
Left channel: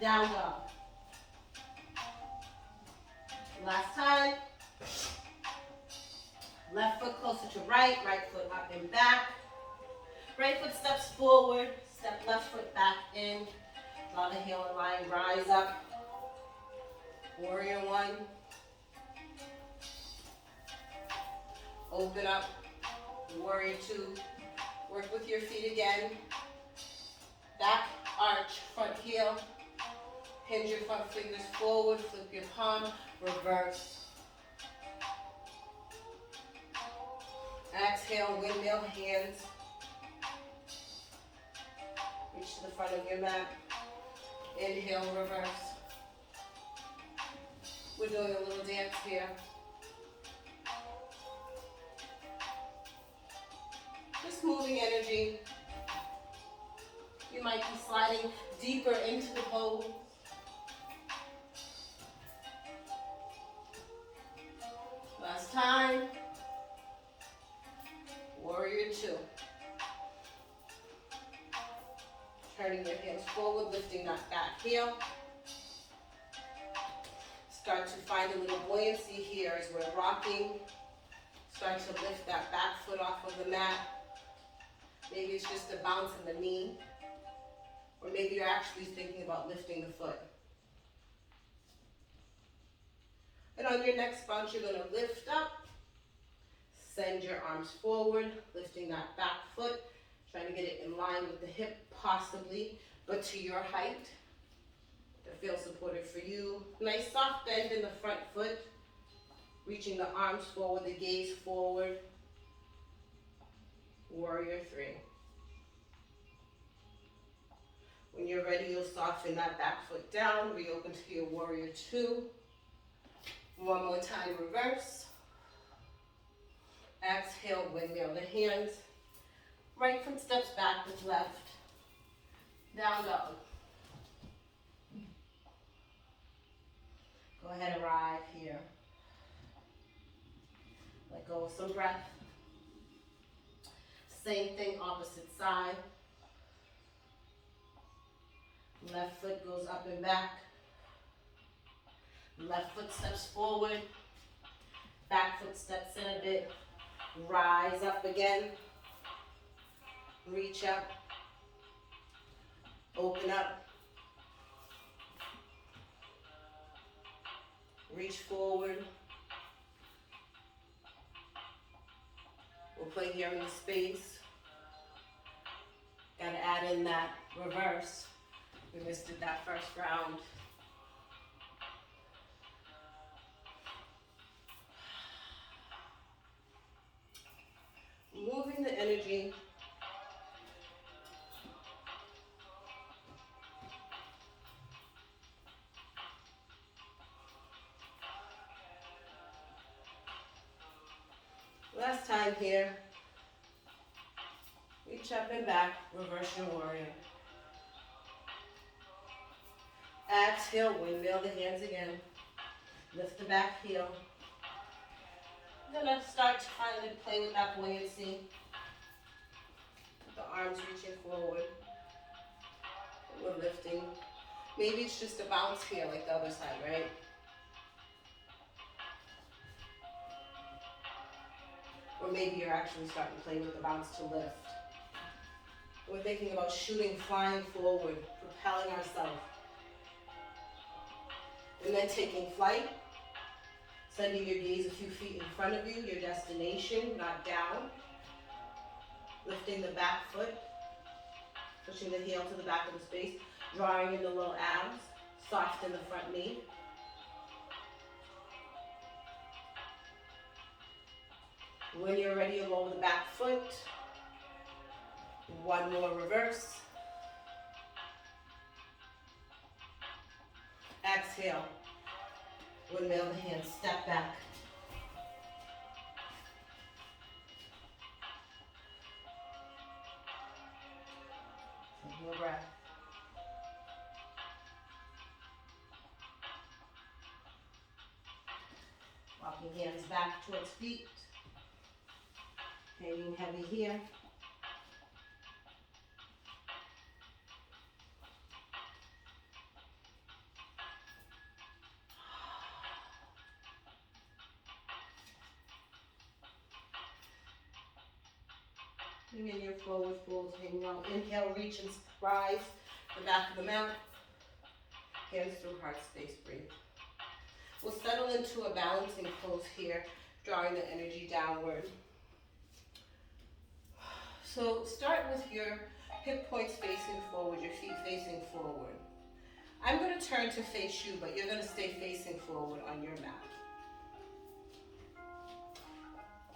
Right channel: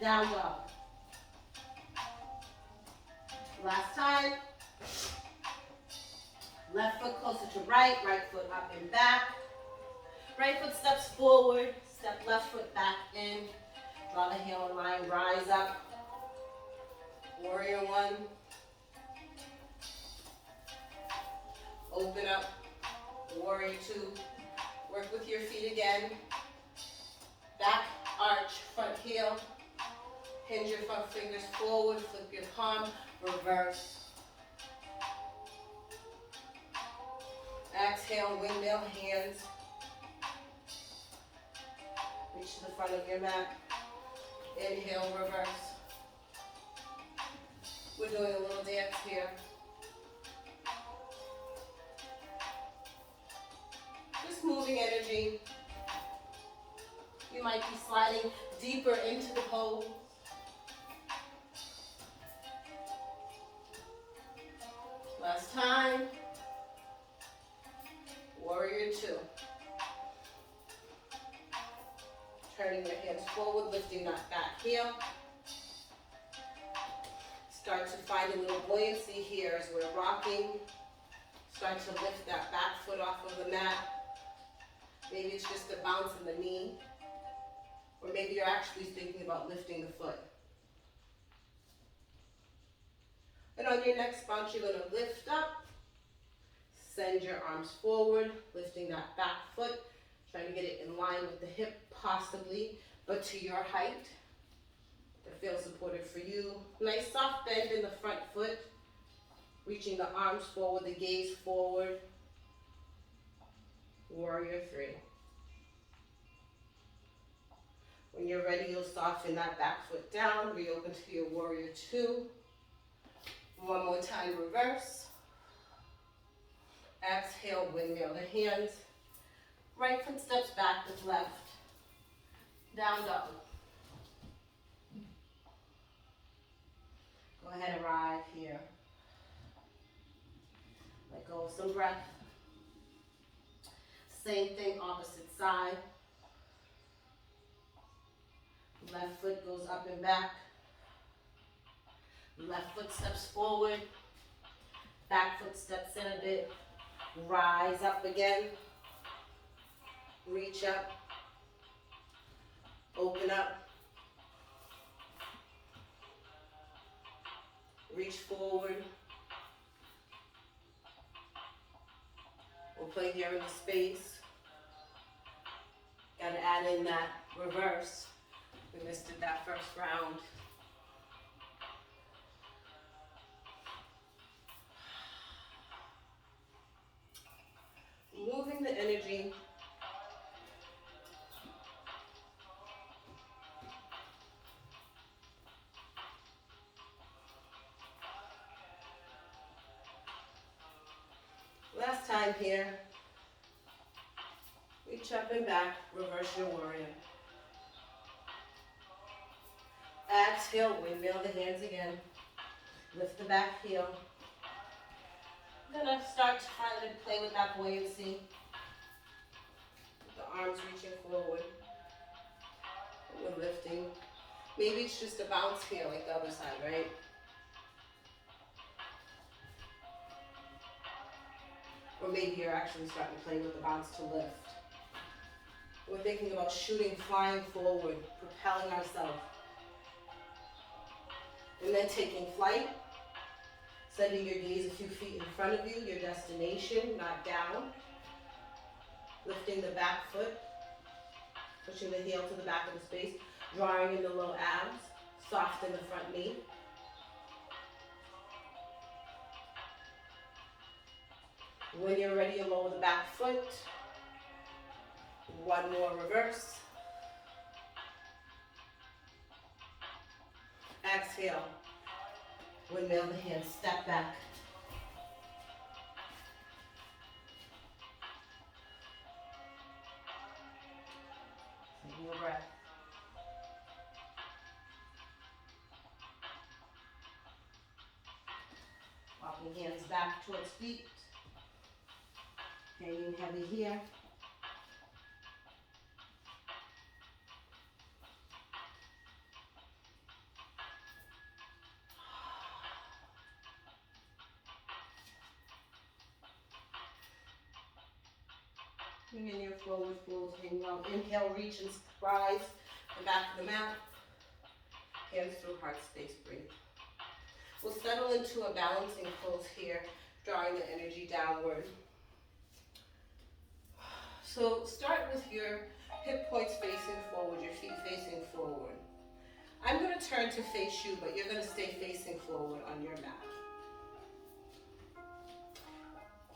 Down dog. Last time. Left foot closer to right, right foot up and back. Right foot steps forward, step left foot back in. Draw the heel in line, rise up. Warrior one. Open up. Warrior two. Work with your feet again. Back, arch, front heel. Hinge your front fingers forward, flip your palm, reverse. Exhale, windmill hands. Reach to the front of your mat. Inhale, reverse. We're doing a little dance here. Just moving energy. You might be sliding deeper into the pose. Last time. Warrior two. Turning your hands forward, lifting that back heel. Start to find a little buoyancy here as we're rocking. Start to lift that back foot off of the mat. Maybe it's just a bounce in the knee. Or maybe you're actually thinking about lifting the foot. And on your next bounce, you're going to lift up. Send your arms forward, lifting that back foot. Trying to get it in line with the hip, possibly, but to your height. That feels supportive for you. Nice soft bend in the front foot. Reaching the arms forward, the gaze forward. Warrior three. When you're ready, you'll soften that back foot down. Reopen to your warrior two. One more time, reverse. Exhale, windmill the hands. Right foot steps back with left. Down dog. Go ahead, arrive here. Let go of some breath. Same thing, opposite side. Left foot goes up and back. Left foot steps forward. Back foot steps in a bit. Rise up again. Reach up. Open up. Reach forward. We'll play here in the space. Got to add in that reverse. We missed it that first round. Moving the energy. Last time here. Reach up and back, reverse your warrior. Exhale, windmill the hands again. Lift the back heel. I'm gonna start to kind of play with that buoyancy. With the arms reaching forward. We're lifting. Maybe it's just a bounce here like the other side, right? Or maybe you're actually starting to play with the bounce to lift. We're thinking about shooting, flying forward, propelling ourselves. And then taking flight, sending your gaze a few feet in front of you, your destination, not down. Lifting the back foot, pushing the heel to the back of the space, drawing in the low abs, soften the front knee. When you're ready, you lower the back foot. One more reverse. Exhale. Windmill the hands, step back. Taking a breath. Walking hands back towards feet. Hanging heavy here. Bring in your forward fold, hanging out. Inhale, reach and rise the back of the mat. Hands through heart space, breathe. We'll settle into a balancing pose here, drawing the energy downward. So start with your hip points facing forward, your feet facing forward. I'm going to turn to face you, but you're going to stay facing forward on your mat.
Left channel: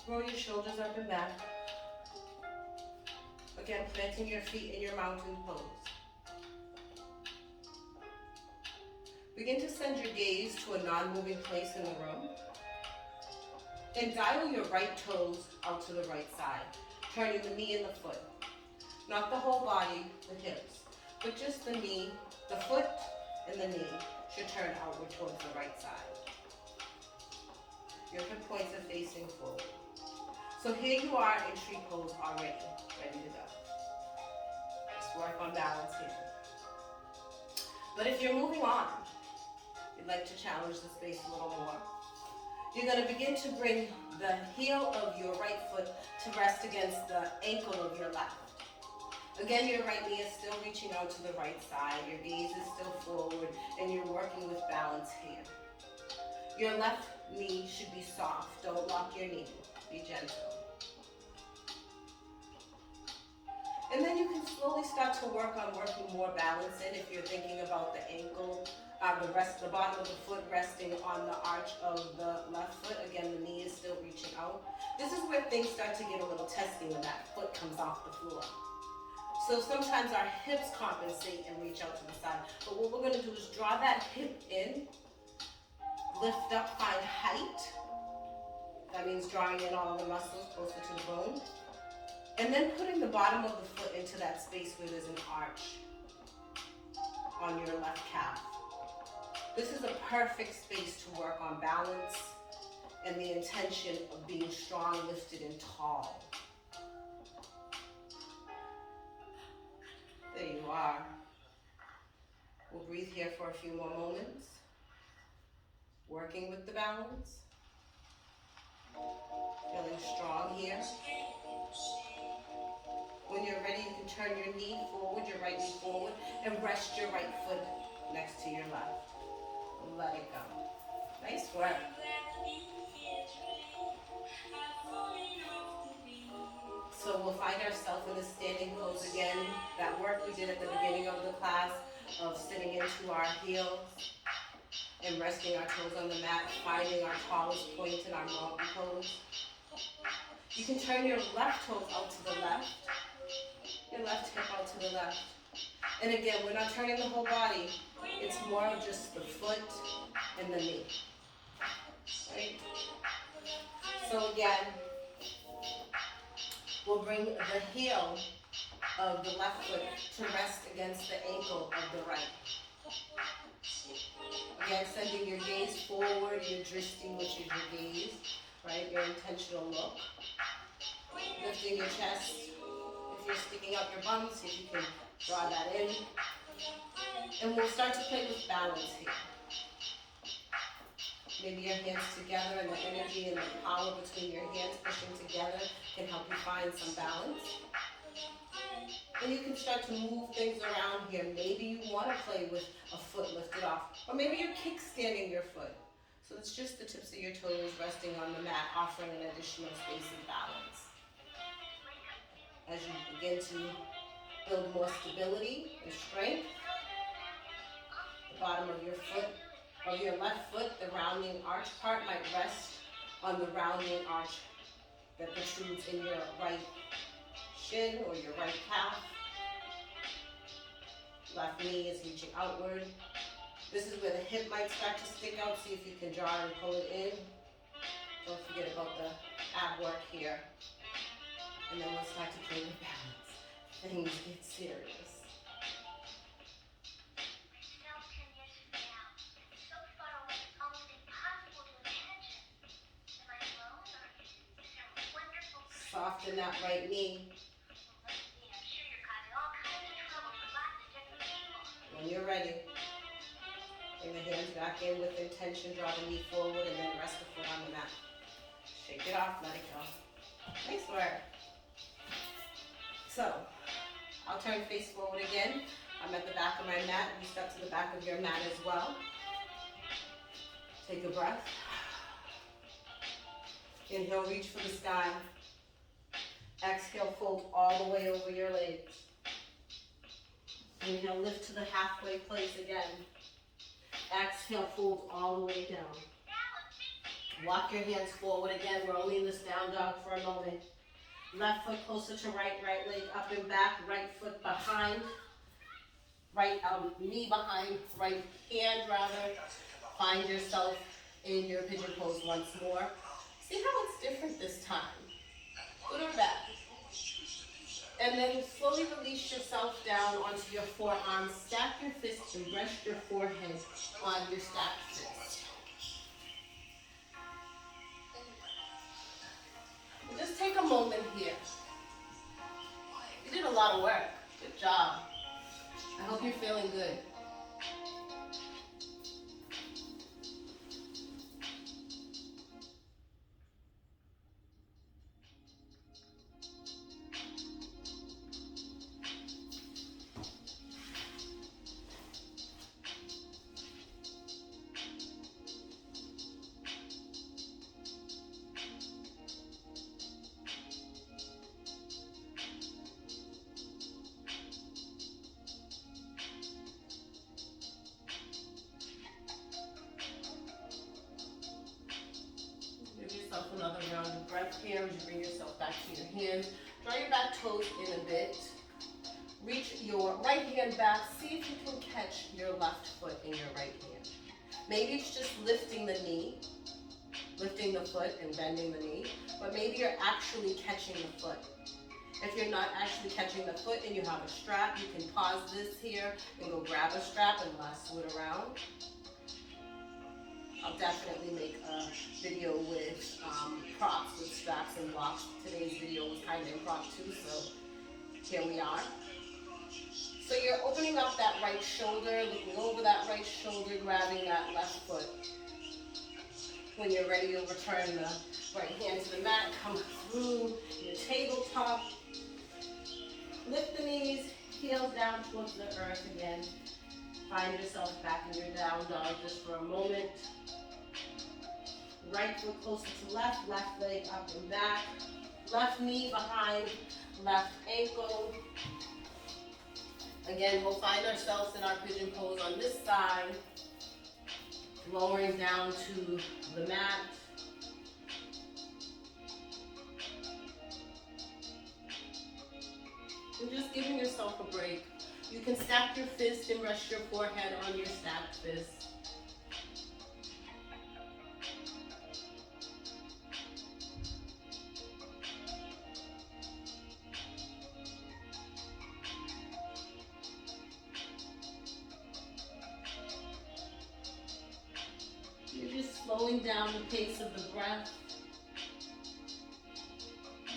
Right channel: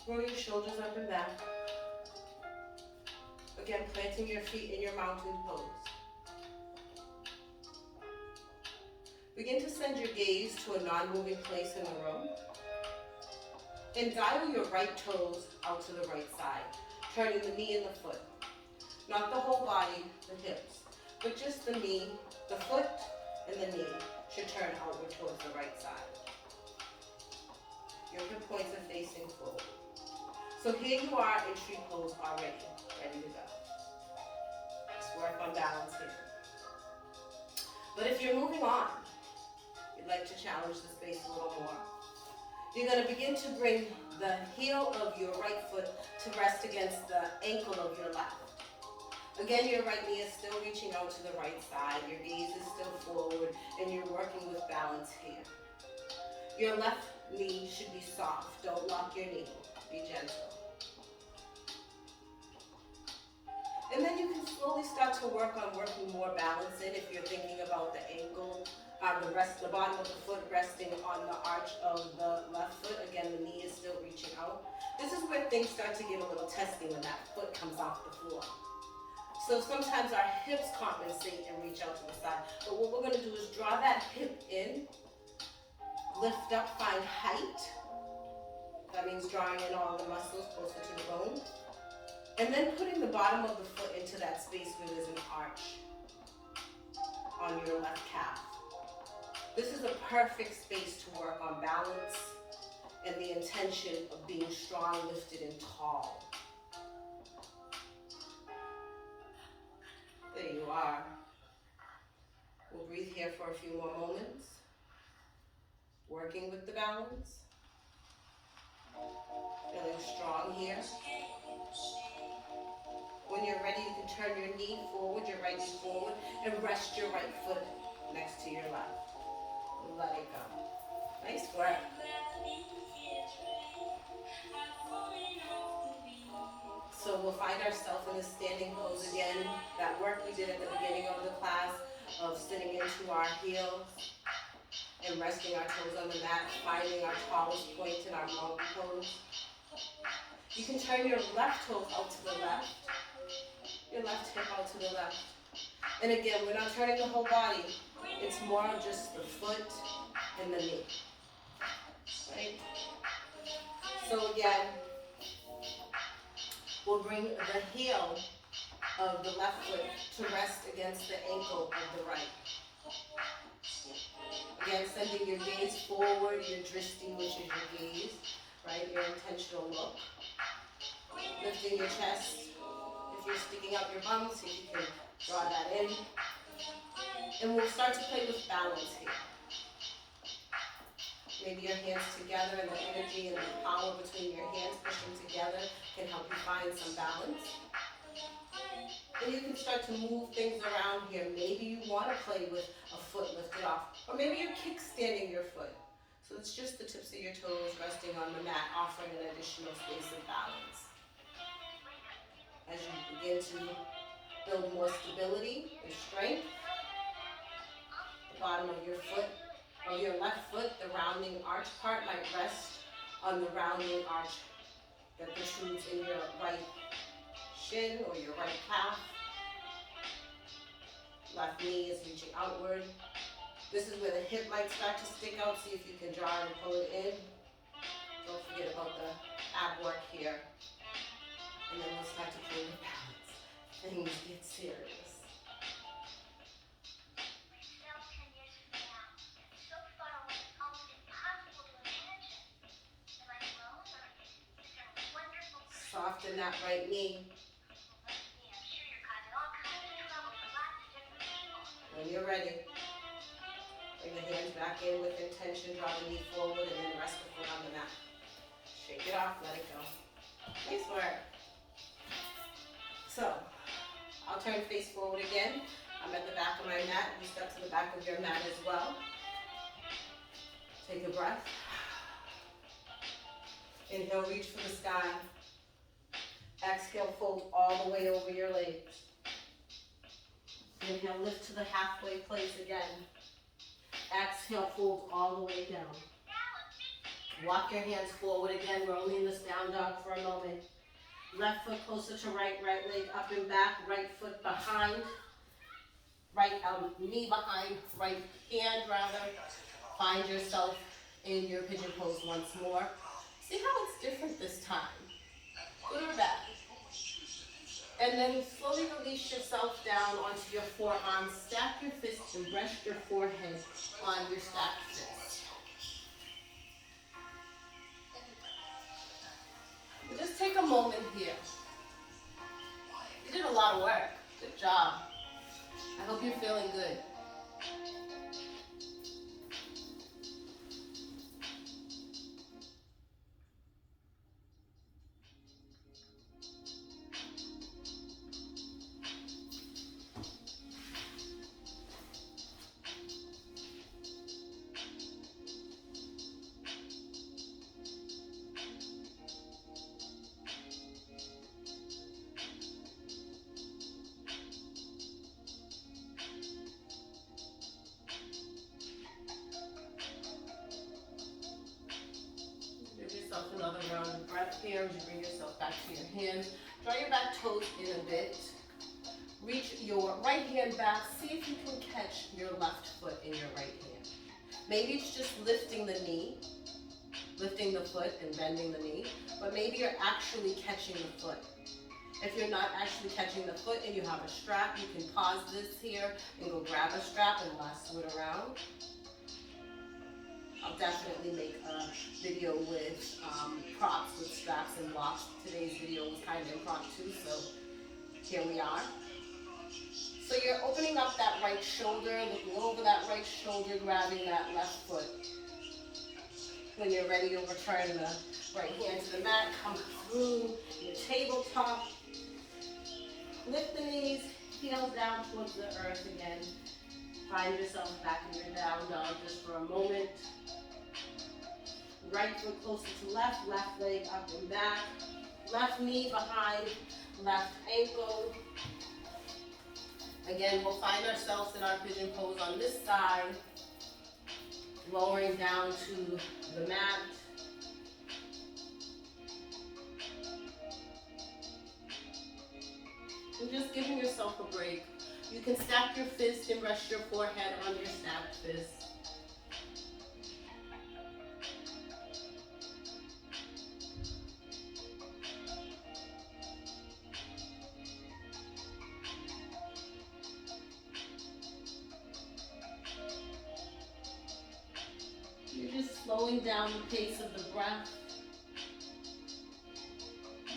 Roll your shoulders up and back. Again, planting your feet in your mountain pose. Begin to send your gaze to a non-moving place in the room. And dial your right toes out to the right side, turning the knee and the foot. Not the whole body, the hips, but just the knee, the foot, and the knee should turn outward towards the right side. Your hip points are facing forward. So here you are in tree pose already, ready to go. Let's work on balance here. But if you're moving on, you'd like to challenge the space a little more. You're going to begin to bring the heel of your right foot to rest against the ankle of your left. Again, your right knee is still reaching out to the right side. Your gaze is still forward, and you're working with balance here. Your left knee should be soft. Don't lock your knee. Be gentle. And then you can slowly start to work on working more balance in if you're thinking about the ankle, the bottom of the foot resting on the arch of the left foot. Again, the knee is still reaching out. This is where things start to get a little testy when that foot comes off the floor. So sometimes our hips compensate and reach out to the side. But what we're going to do is draw that hip in, lift up, find height. That means drawing in all the muscles closer to the bone. And then putting the bottom of the foot into that space where there's an arch on your left calf. This is a perfect space to work on balance and the intention of being strong, lifted, and tall. There you are. We'll breathe here for a few more moments, working with the balance. Feeling strong here. When you're ready, you can turn your knee forward, your right knee forward, and rest your right foot next to your left. Let it go. Nice work. So we'll find ourselves in a standing pose again. That work we did at the beginning of the class of sitting into our heels and resting our toes on the mat, finding our tallest point in our mountain pose. You can turn your left toe out to the left, your left hip out to the left. And again, we're not turning the whole body. It's more of just the foot and the knee. Right? So again, we'll bring the heel of the left foot to rest against the ankle of the right. Again, sending your gaze forward, your drishti, which is your gaze, right? Your intentional look. Lifting your chest. If you're sticking out your bum, see if you can draw that in. And we'll start to play with balance here. Maybe your hands together and the energy and the power between your hands pushing together can help you find some balance. And you can start to move things around here. Maybe you want to play with a foot lifted off. Or maybe you're kickstanding your foot. So it's just the tips of your toes resting on the mat, offering an additional space of balance. As you begin to build more stability and strength, the bottom of your foot, of your left foot, the rounding arch part might rest on the rounding arch that protrudes in your right shin or your right calf. Left knee is reaching outward. This is where the hip might start to stick out. See if you can draw and pull it in. Don't forget about the ab work here. And then we'll start to play with balance. Things get serious. Soften that right knee. When you're ready, bring the hands back in with intention, draw the knee forward, and then rest the foot on the mat. Shake it off, let it go. Nice work. So, I'll turn face forward again. I'm at the back of my mat. You step to the back of your mat as well. Take a breath. Inhale, reach for the sky. Exhale, fold all the way over your legs. Inhale, lift to the halfway place again. Exhale, fold all the way down. Walk your hands forward again, rolling this down dog for a moment. Left foot closer to right, right leg up and back, right foot behind, right knee behind, right hand rather. Find yourself in your pigeon pose once more. See how it's different this time. Good or bad. And then slowly release yourself down onto your forearms. Stack your fists and rest your forehead on your stacked fists. And just take a moment here. You did a lot of work. Good job. I hope you're feeling good. Another round of breath here as you bring yourself back to your hands. Draw your back toes in a bit. Reach your right hand back. See if you can catch your left foot in your right hand. Maybe it's just lifting the knee, lifting the foot and bending the knee, but maybe you're actually catching the foot. If you're not actually catching the foot and you have a strap, you can pause this here and go grab a strap and lasso it around. I'll definitely make a video with props with straps and blocks. Today's video was kind of impromptu, so here we are. So you're opening up that right shoulder, looking over that right shoulder, grabbing that left foot. When you're ready, you'll return the right hand to the mat, come through your tabletop. Lift the knees, heels down towards the earth again. Find yourself back in your down dog just for a moment. Right foot closer to left, left leg up and back. Left knee behind, left ankle. Again, we'll find ourselves in our pigeon pose on this side. Lowering down to the mat. And just giving yourself a break. You can stack your fist and rest your forehead on your stacked fist. You're just slowing down the pace of the breath.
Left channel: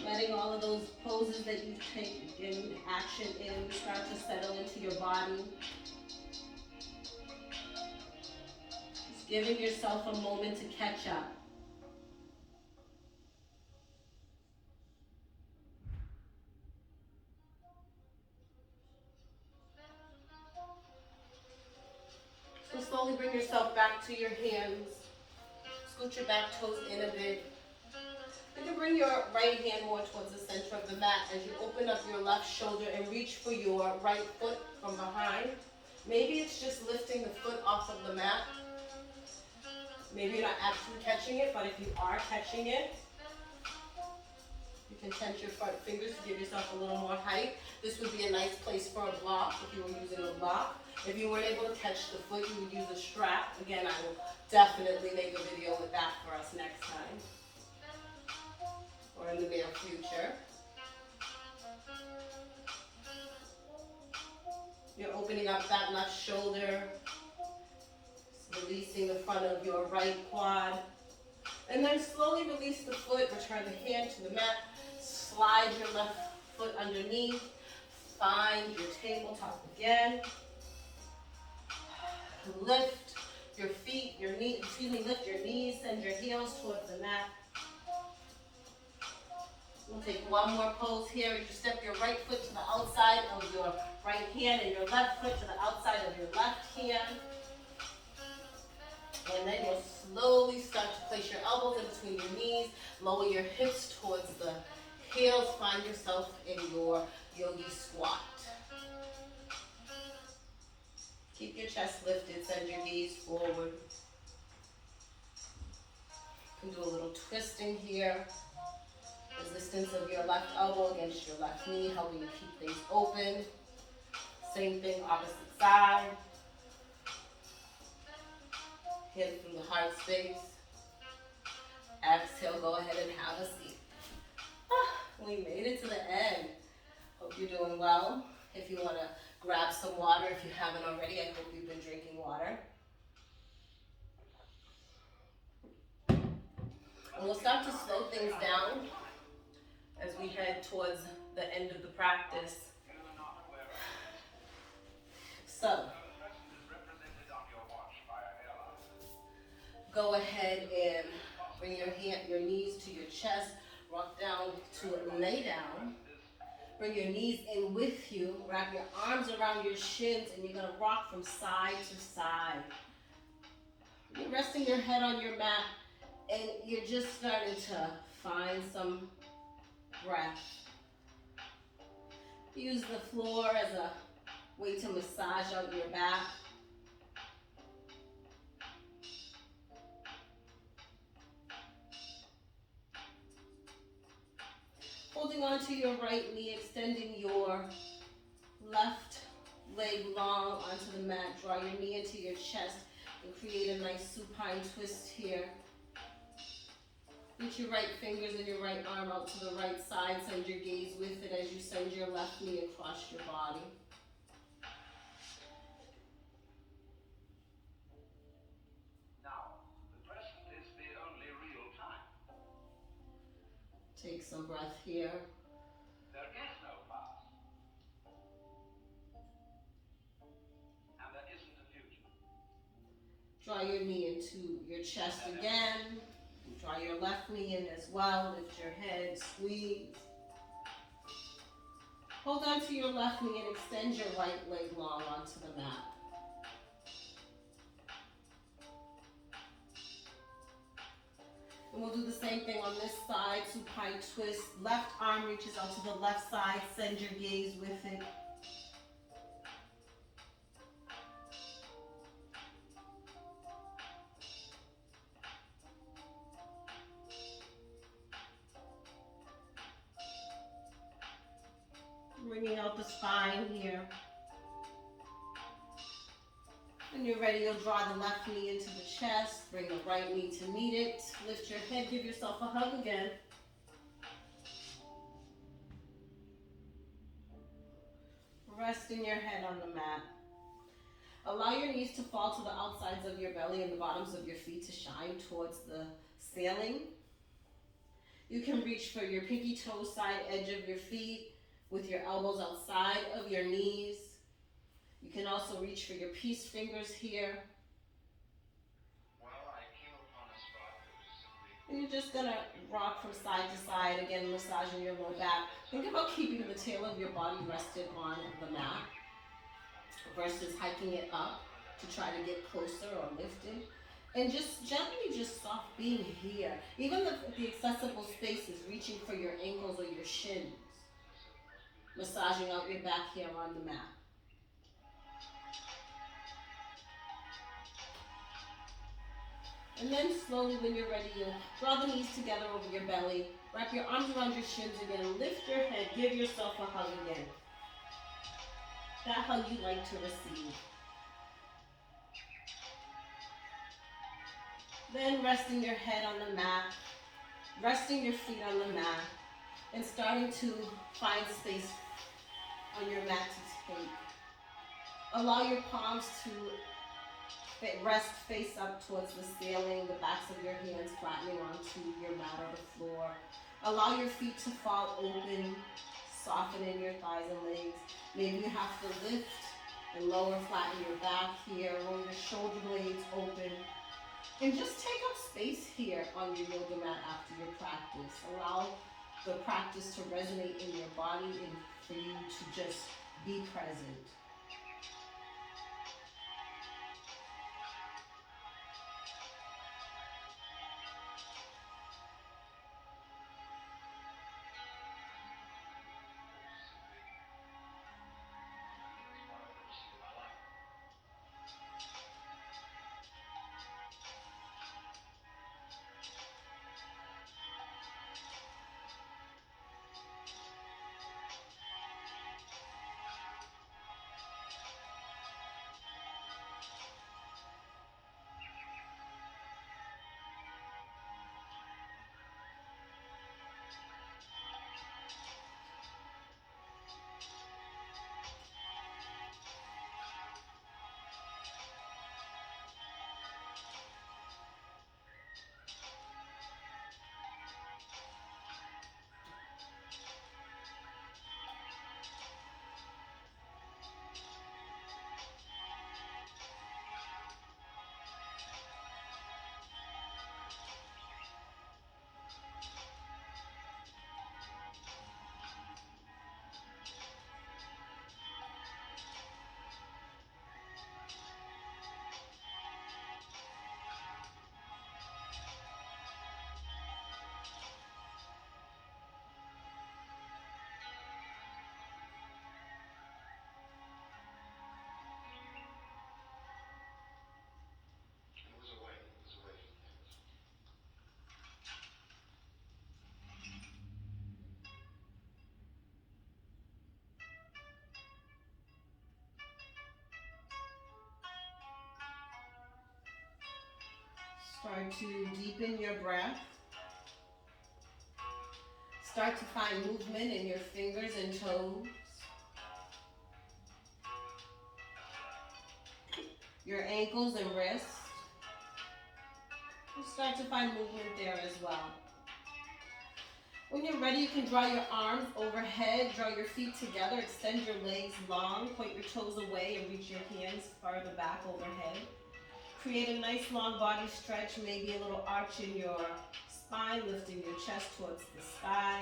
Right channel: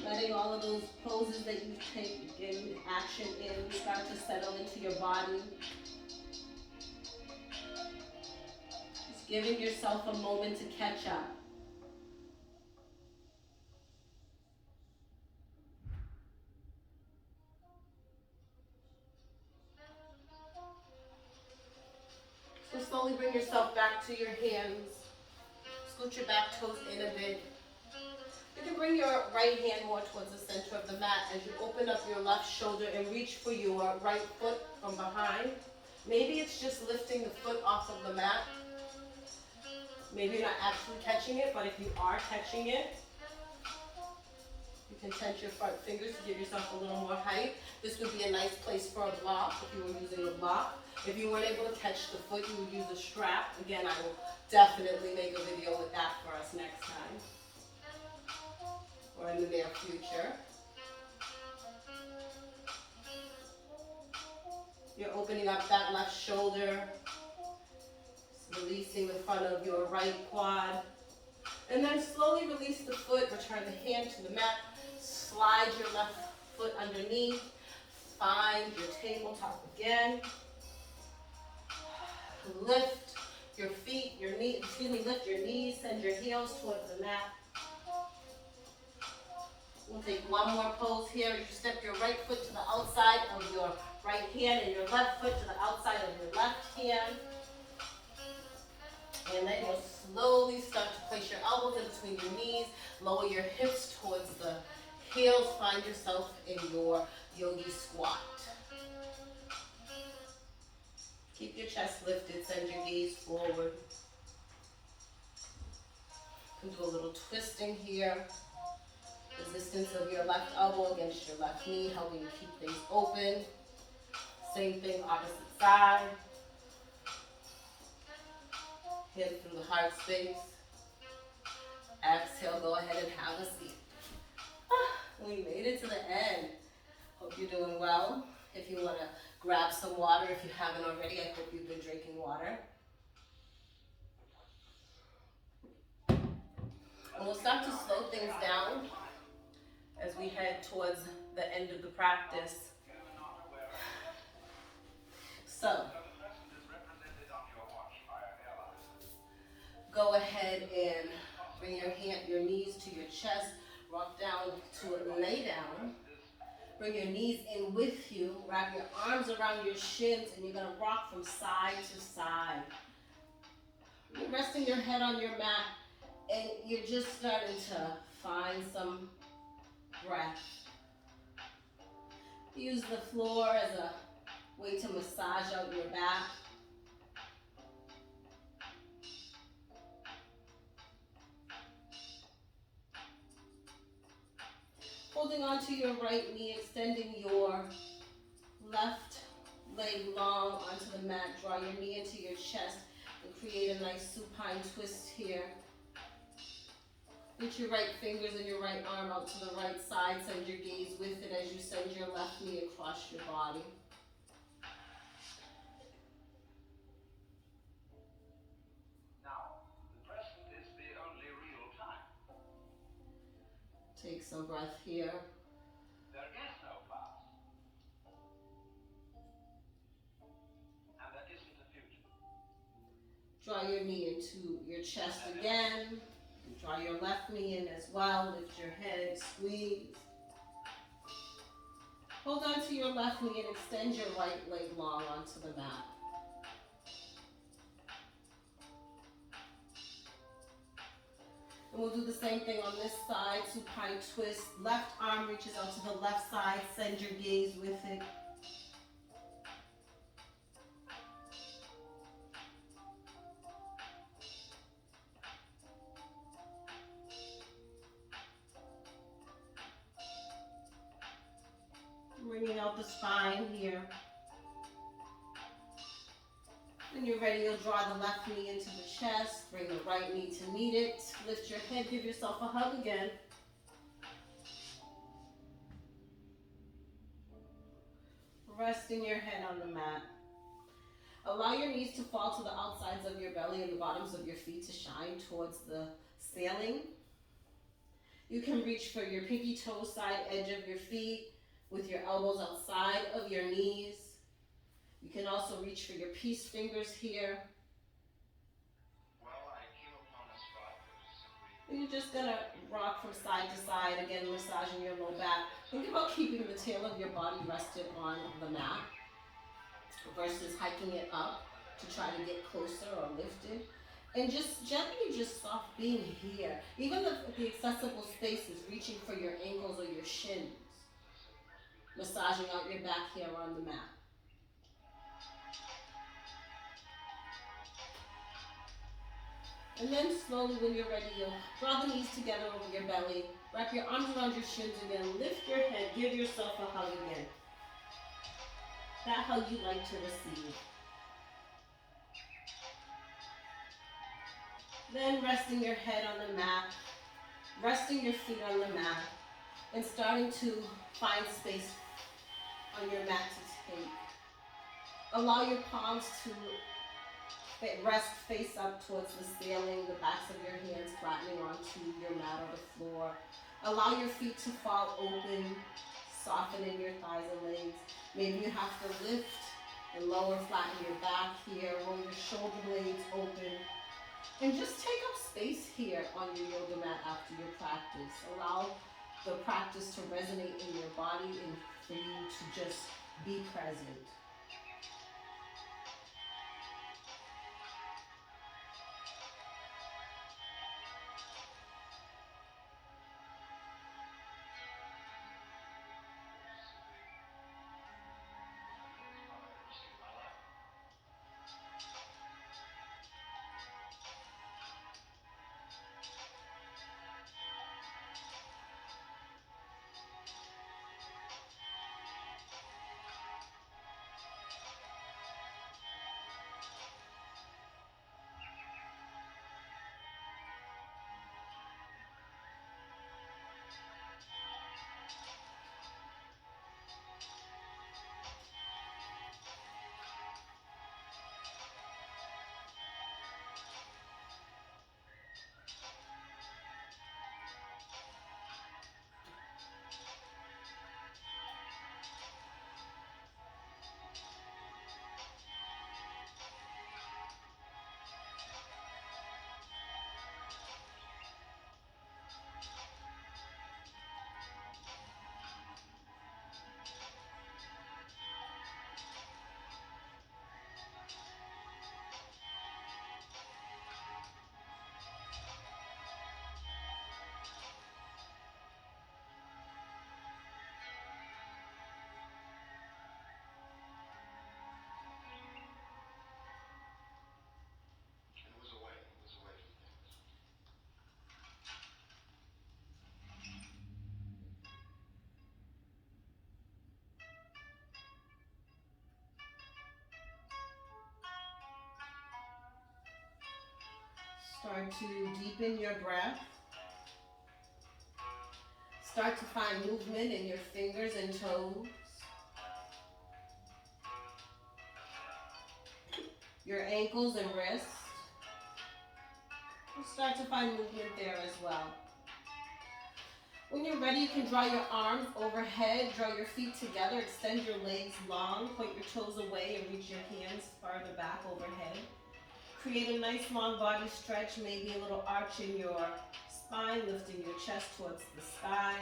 Letting all of those poses that you've taken action in start to settle into your body. Just giving yourself a moment to catch up. So slowly bring yourself back to your hands. Scoot your back toes in a bit. You can bring your right hand more towards the center of the mat as you open up your left shoulder and reach for your right foot from behind. Maybe it's just lifting the foot off of the mat. Maybe you're not actually catching it, but if you are catching it, you can tense your front fingers to give yourself a little more height. This would be a nice place for a block if you were using a block. If you weren't able to catch the foot, you would use a strap. Again, I will definitely make a video with that for us next time. Or in the near future. You're opening up that left shoulder, releasing the front of your right quad, and then slowly release the foot, return the hand to the mat, slide your left foot underneath, find your tabletop again, lift your feet, lift your knees, send your heels towards the mat. We'll take one more pose here. You step your right foot to the outside of your right hand and your left foot to the outside of your left hand. And then you'll slowly start to place your elbows in between your knees, lower your hips towards the heels, find yourself in your Yogi Squat. Keep your chest lifted, send your gaze forward. You can do a little twisting here. Resistance of your left elbow against your left knee, helping you keep things open. Same thing, opposite side. Hands through the heart space. Exhale, go ahead and have a seat. We made it to the end. Hope you're doing well. If you want to grab some water, if you haven't already, I hope you've been drinking water. And we'll start to slow things down as we head towards the end of the practice. So, go ahead and bring your knees to your chest, rock down to a lay down. Bring your knees in with you, wrap your arms around your shins, and you're gonna rock from side to side. You're resting your head on your mat, and you're just starting to find some breath. Use the floor as a way to massage out your back. Holding onto your right knee, extending your left leg long onto the mat. Draw your knee into your chest and create a nice supine twist here. Reach your right fingers and your right arm out to the right side. Send your gaze with it as you send your left knee across your body. Now, the present is the only real time. Take some breath here. There is no past. And there isn't a future. Draw your knee into your chest again. Draw your left knee in as well. Lift your head, squeeze. Hold on to your left knee and extend your right leg long onto the mat. And we'll do the same thing on this side, supine twist. Left arm reaches out to the left side. Send your gaze with it. Bringing out the spine here. When you're ready, you'll draw the left knee into the chest. Bring the right knee to meet it. Lift your head, give yourself a hug again. Resting your head on the mat. Allow your knees to fall to the outsides of your belly and the bottoms of your feet to shine towards the ceiling. You can reach for your pinky toe side edge of your feet with your elbows outside of your knees. You can also reach for your peace fingers here. Well, I came upon a spot that was simply... And you're just gonna rock from side to side, again massaging your low back. Think about keeping the tail of your body rested on the mat versus hiking it up to try to get closer or lifted. And just gently just soft being here. Even the accessible spaces, reaching for your ankles or your shins. Massaging out your back here on the mat. And then slowly when you're ready, you'll draw the knees together over your belly. Wrap your arms around your shins again. Lift your head. Give yourself a hug again. That hug you like to receive. Then resting your head on the mat. Resting your feet on the mat. And starting to find space on your mat to take. Allow your palms to rest face up towards the ceiling, the backs of your hands flattening onto your mat or the floor. Allow your feet to fall open, soften in your thighs and legs. Maybe you have to lift and lower, flatten your back here, roll your shoulder blades open. And just take up space here on your yoga mat after your practice. Allow the practice to resonate in your body and for you to just be present. Start to deepen your breath. Start to find movement in your fingers and toes. Your ankles and wrists. And start to find movement there as well. When you're ready, you can draw your arms overhead, draw your feet together, extend your legs long, point your toes away and reach your hands farther back overhead. Create a nice long body stretch, maybe a little arch in your spine, lifting your chest towards the sky.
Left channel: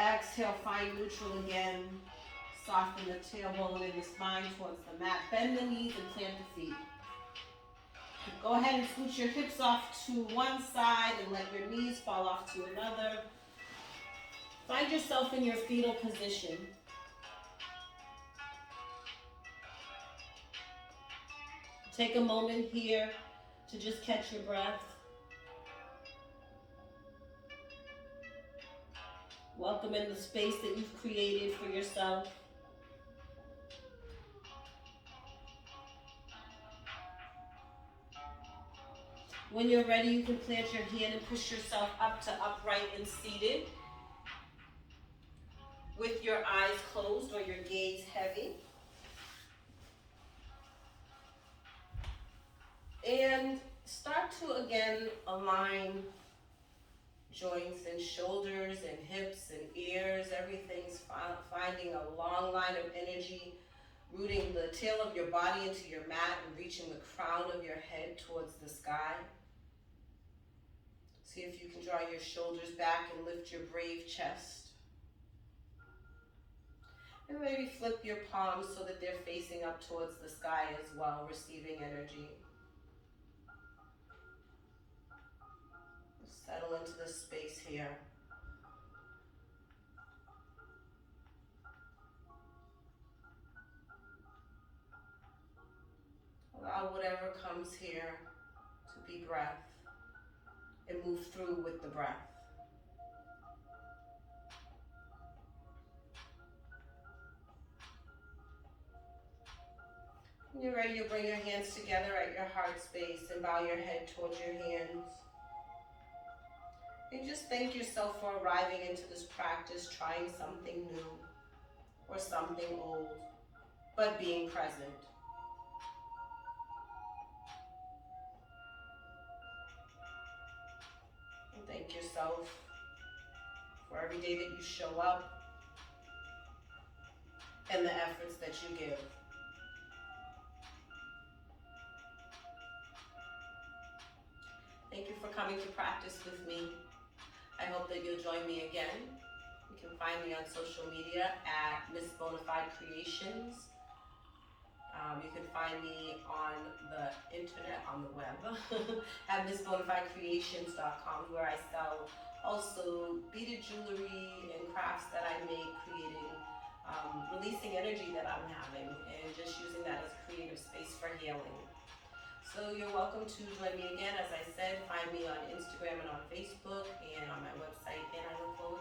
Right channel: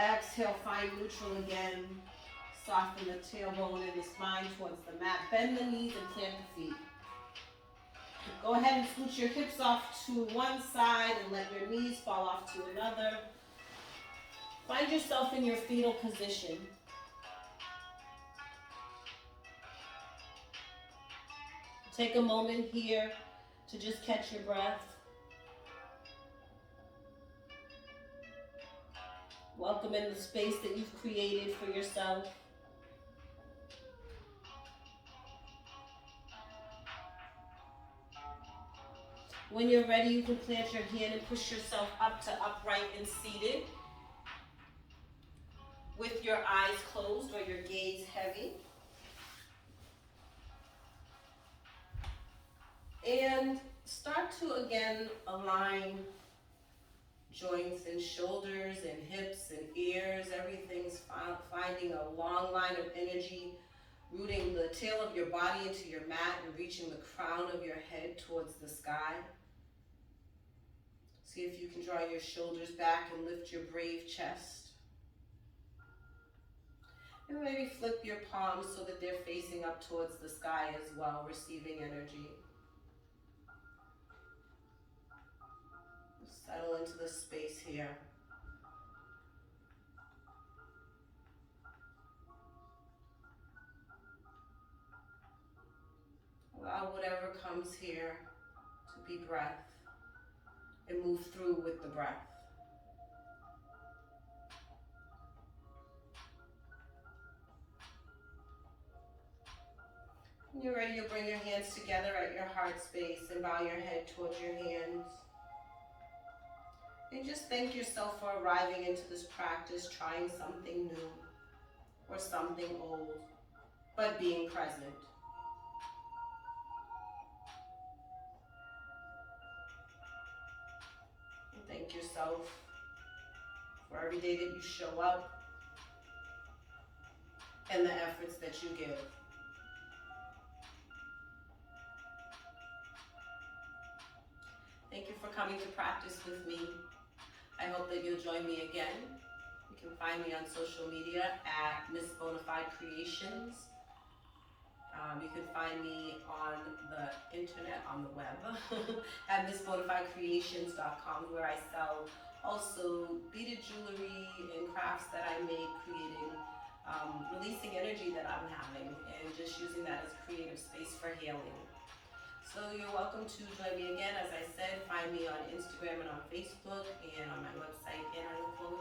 Exhale, find neutral again. Soften the tailbone and the spine towards the mat. Bend the knees and plant the feet. Go ahead and scoot your hips off to one side and let your knees fall off to another. Find yourself in your fetal position. Take a moment here to just catch your breath. Welcome in the space that you've created for yourself. When you're ready, you can plant your hand and push yourself up to upright and seated with your eyes closed or your gaze heavy. And start to again align joints and shoulders and hips and ears. Everything's finding a long line of energy, rooting the tail of your body into your mat and reaching the crown of your head towards the sky. See if you can draw your shoulders back and lift your brave chest. And maybe flip your palms so that they're facing up towards the sky as well, receiving energy. Settle into this space here. Allow whatever comes here to be breath and move through with the breath. When you're ready, you'll bring your hands together at your heart space and bow your head towards your hands. And just thank yourself for arriving into this practice, trying something new or something old, but being present. And thank yourself for every day that you show up and the efforts that you give. Thank you for coming to practice with me. I hope that you'll join me again. You can find me on social media at Miss Bonafide Creations. You can find me on the internet, on the web, at MissBonafideCreations.com, where I sell also beaded jewelry and crafts that I make, creating, releasing energy that I'm having, and just using that as creative space for healing. So you're welcome to join me again. As I said, find me on Instagram and on Facebook and on my website, and I look forward